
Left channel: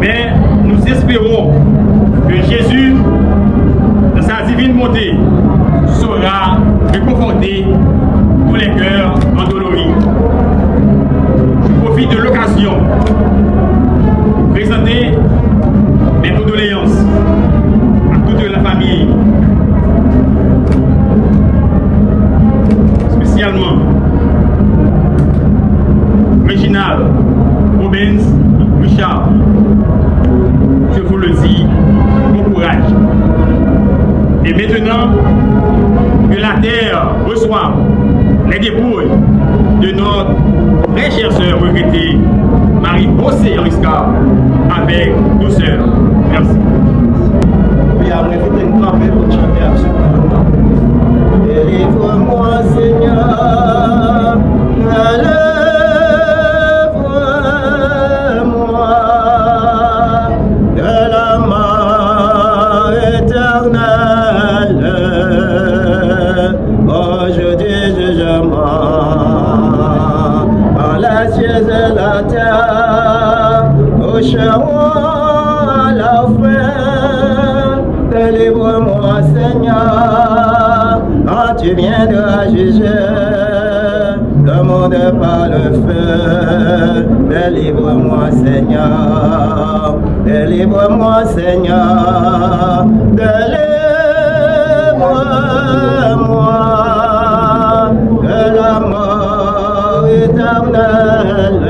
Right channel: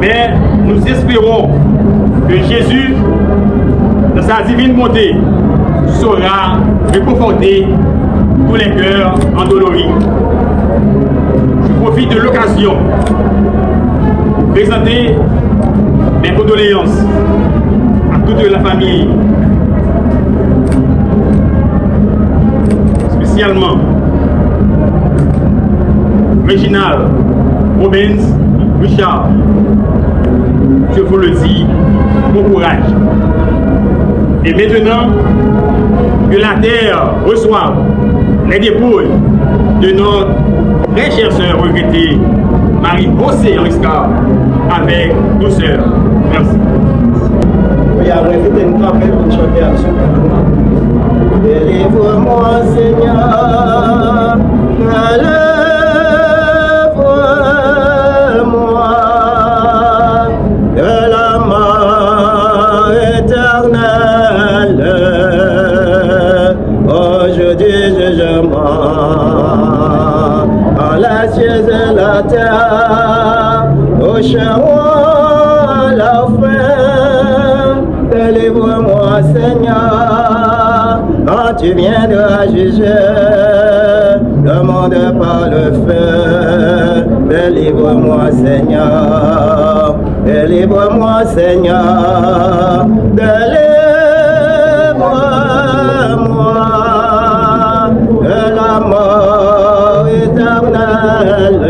Mais nous espérons que Jésus, dans sa divine bonté, saura réconforter tous les cœurs endoloris. Je profite de l'occasion pour présenter mes condoléances à toute la famille, spécialement Réginald, Rubens, Richard. Je vous le dis, bon courage. Et maintenant que la terre reçoive les dépouilles de notre très chère sœur regrettée Marie-Josée Mariscal avec douceur. Merci. Oui, à moi, invité une campagne pour chanter absolument. Délivre-moi, Seigneur, délivre-moi de la mort éternelle. Aujourd'hui, jugement, en la cieux et la terre, au charbon la fin. Délivre-moi, Seigneur, quand tu viendras juger le monde par le feu. Délivre-moi, Seigneur, délivre-moi, Seigneur, délivre-moi de la mort éternelle.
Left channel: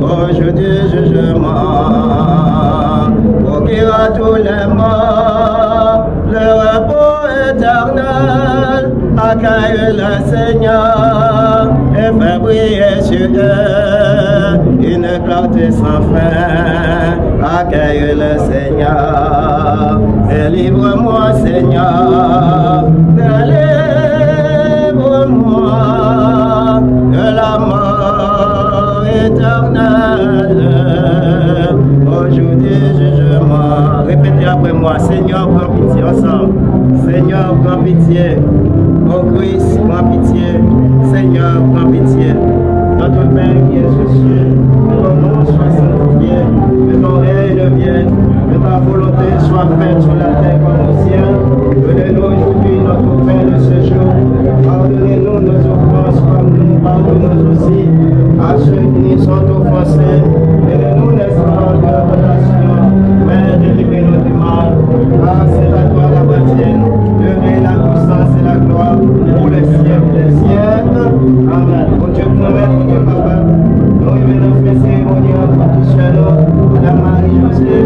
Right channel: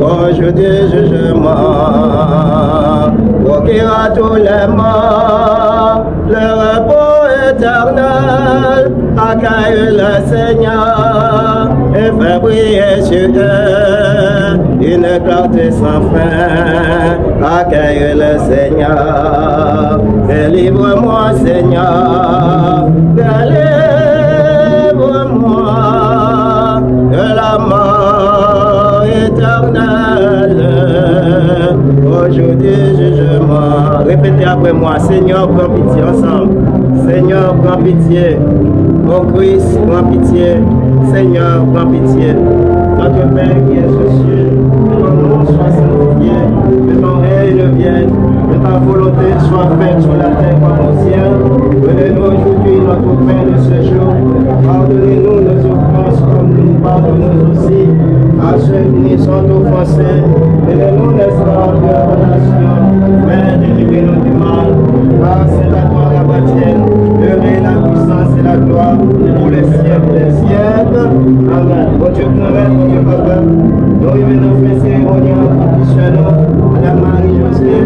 Aujourd'hui, jugement, pour qu'il à tous les morts le repos éternel. Accueille le Seigneur et fais briller sur eux une clarté sans fin. Accueille le Seigneur, délivre-moi, Seigneur, délivre-moi de la mort éternelle. Aujourd'hui, jugement. Répétez après moi, Seigneur, prends pitié ensemble. Seigneur, prends pitié. Ô Christ, prends pitié. Seigneur, prends pitié. Notre Père qui est aux cieux, que ton nom soit sanctifié, que ton règne vienne, que ta volonté soit faite sur la terre comme au ciel. Donnez-nous aujourd'hui notre pain de ce jour. Pardonnez-nous nos offenses comme nous pardonnons aussi à ceux qui nous sont offensés. Et ne nous laisse pas en tentation, mais délivrez-nous du mal. Car c'est la gloire appartienne, le règne, la puissance et la gloire pour les siècles des siècles. Amen. Bon Dieu, nous papa, nous revenons faire cérémonial pour sur nous, Madame Marie-Josée,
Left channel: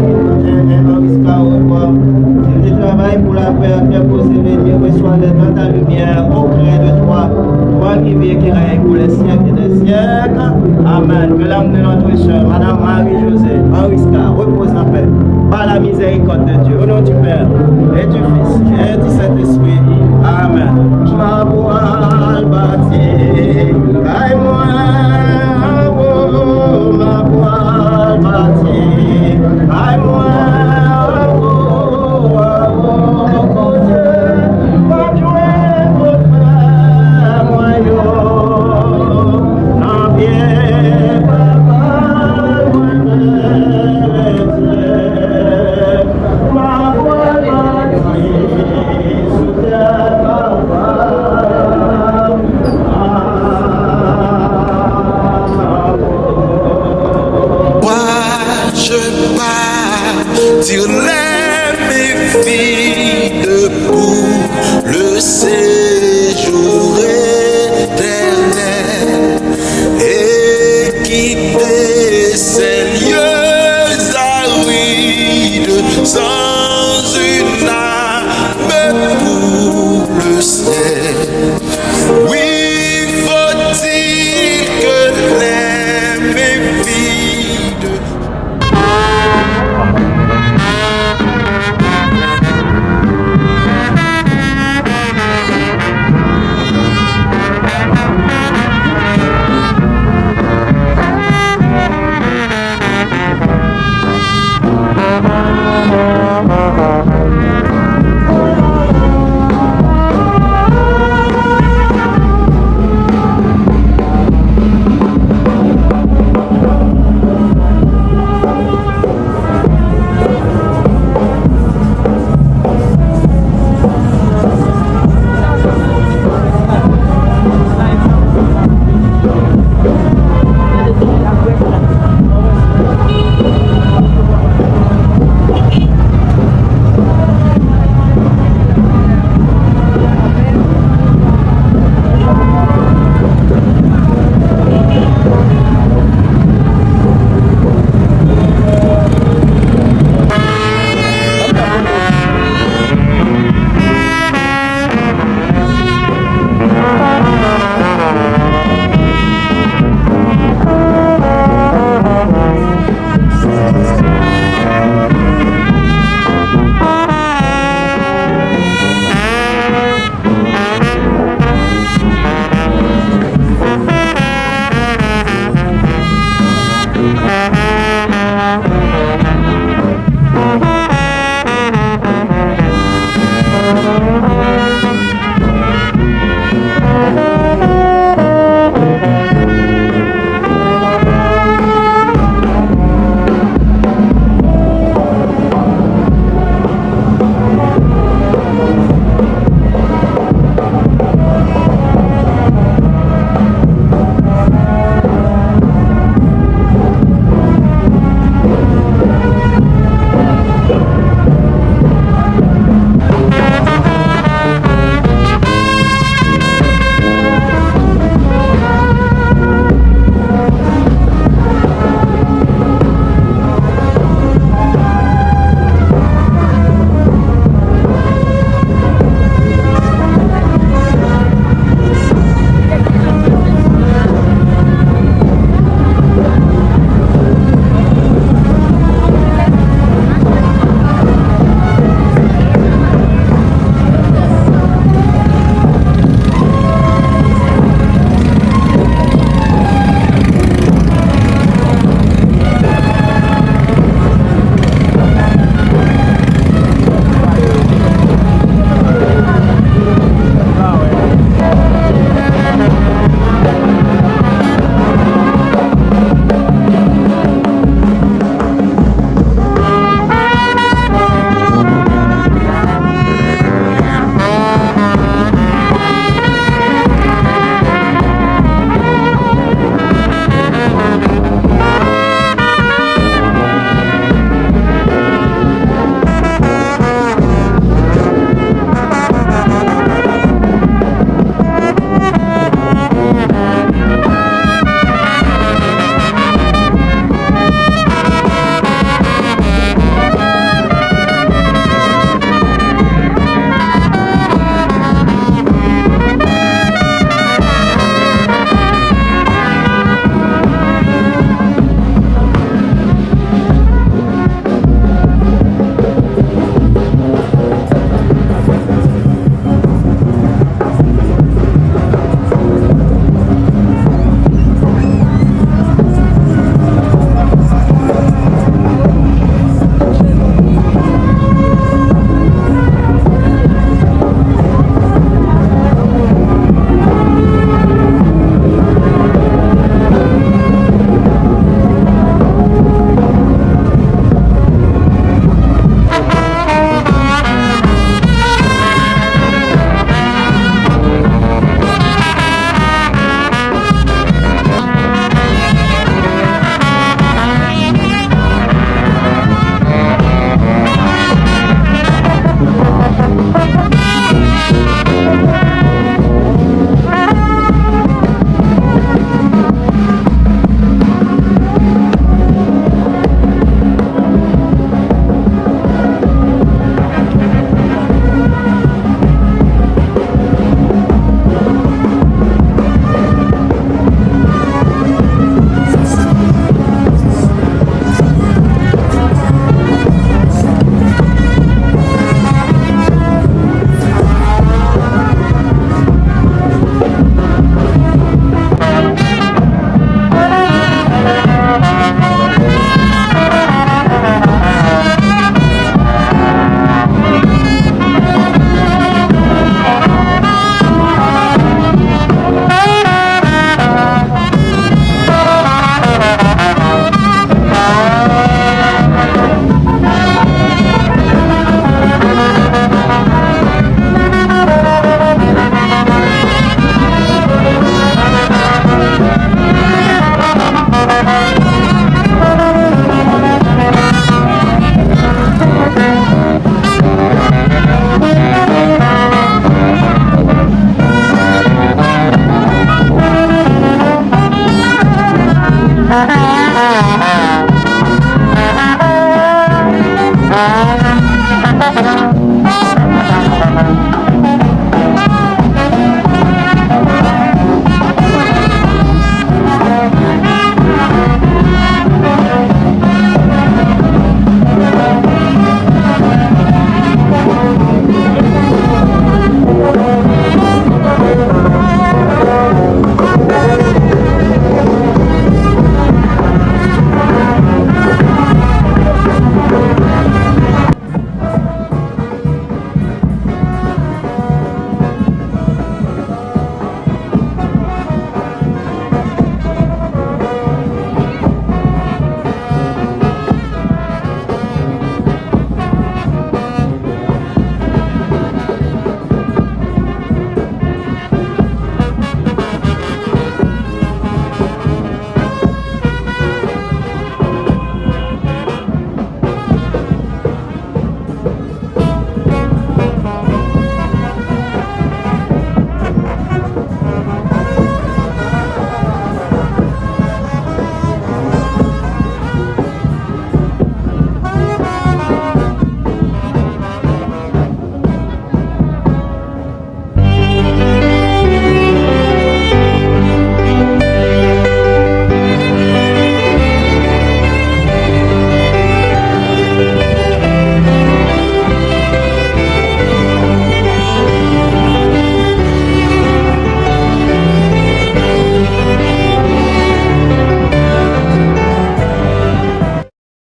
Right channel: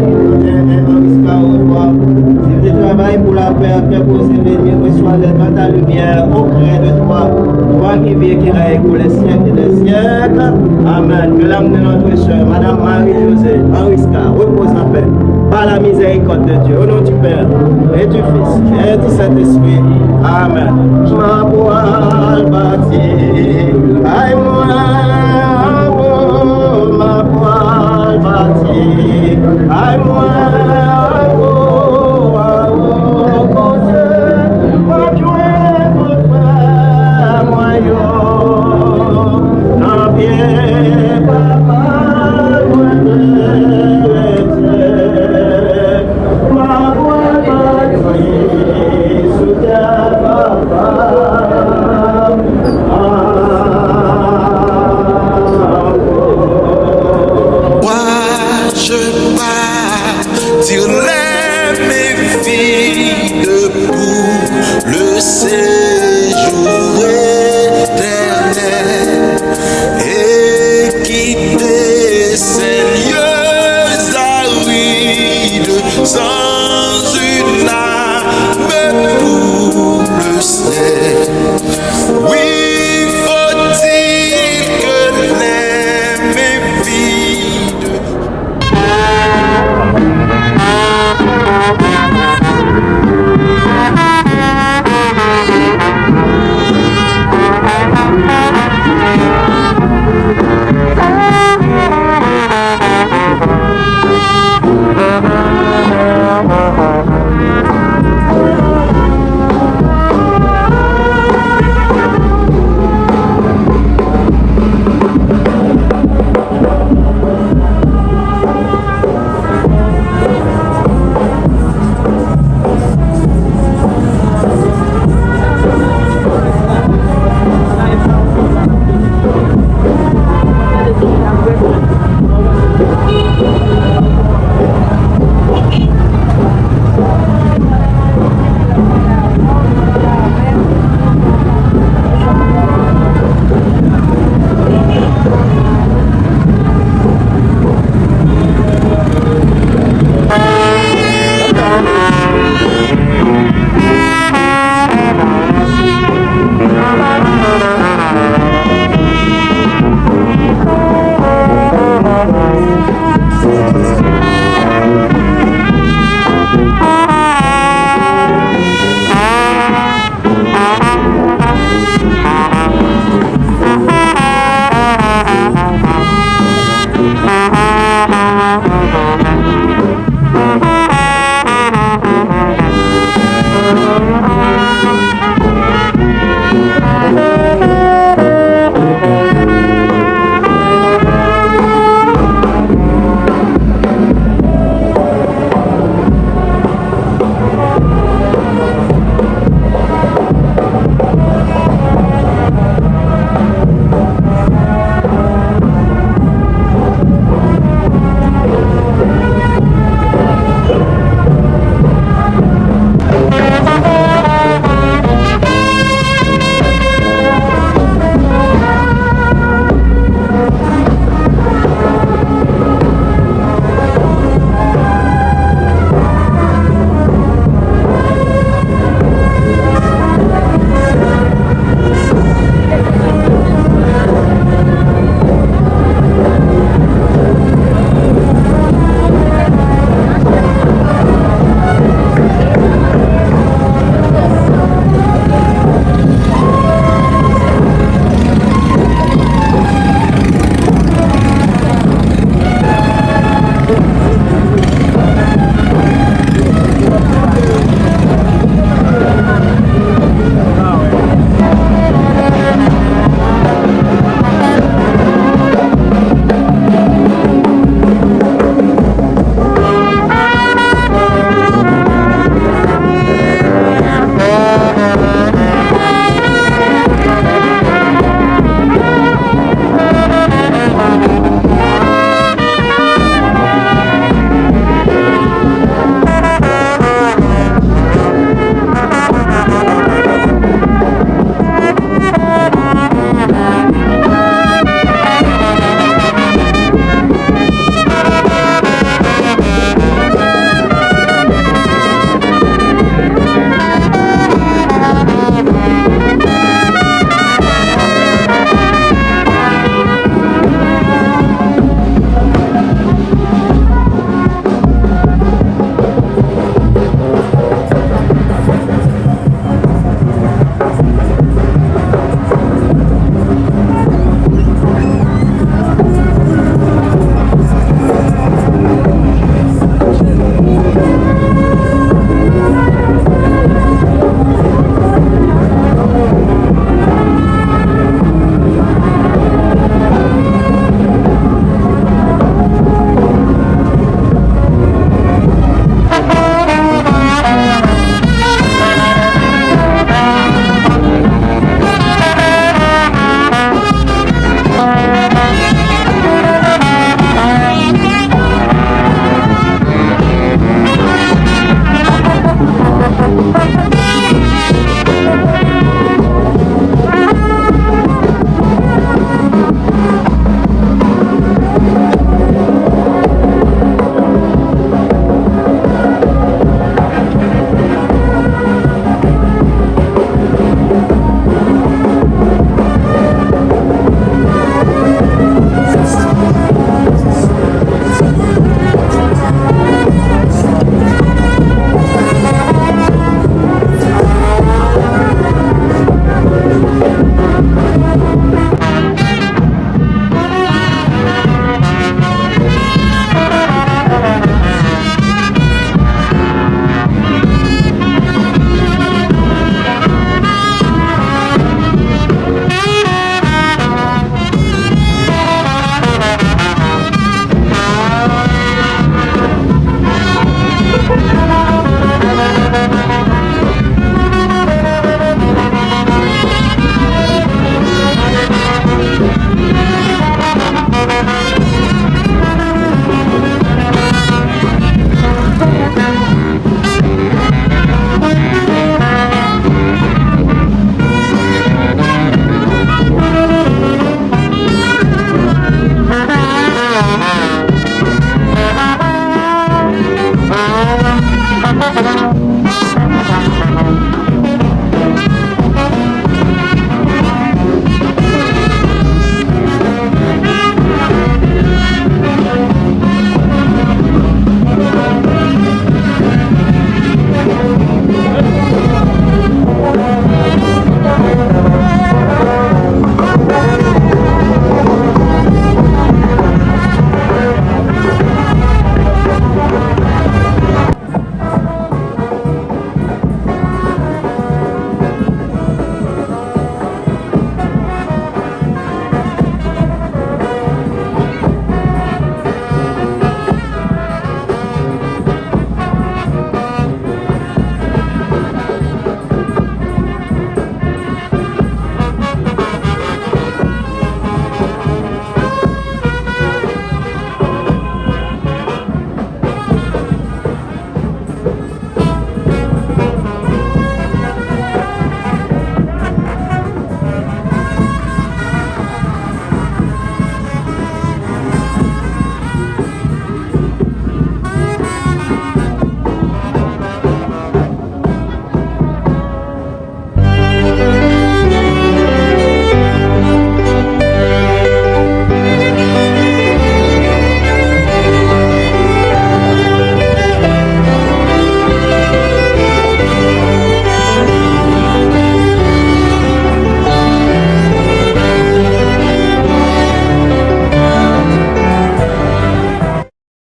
tu travailles pour la paix, faire poser l'ennemi, reçois dans ta lumière, auprès de toi, toi qui vis qui règne pour les siècles des siècles. Amen. Que l'âme de notre soeur, Madame Marie-Josée, Henriska, repose en paix, par la miséricorde de Dieu, au nom du Père, et du Fils, et du Saint-Esprit. Amen. Ma voile bâtie, aïe moi, ma voile bâtie, aïe moi. Sur les méfies pour le séjour éternel et quitter ces lieux arides sans une âme pour le ciel. Oui, faut-il que les méfies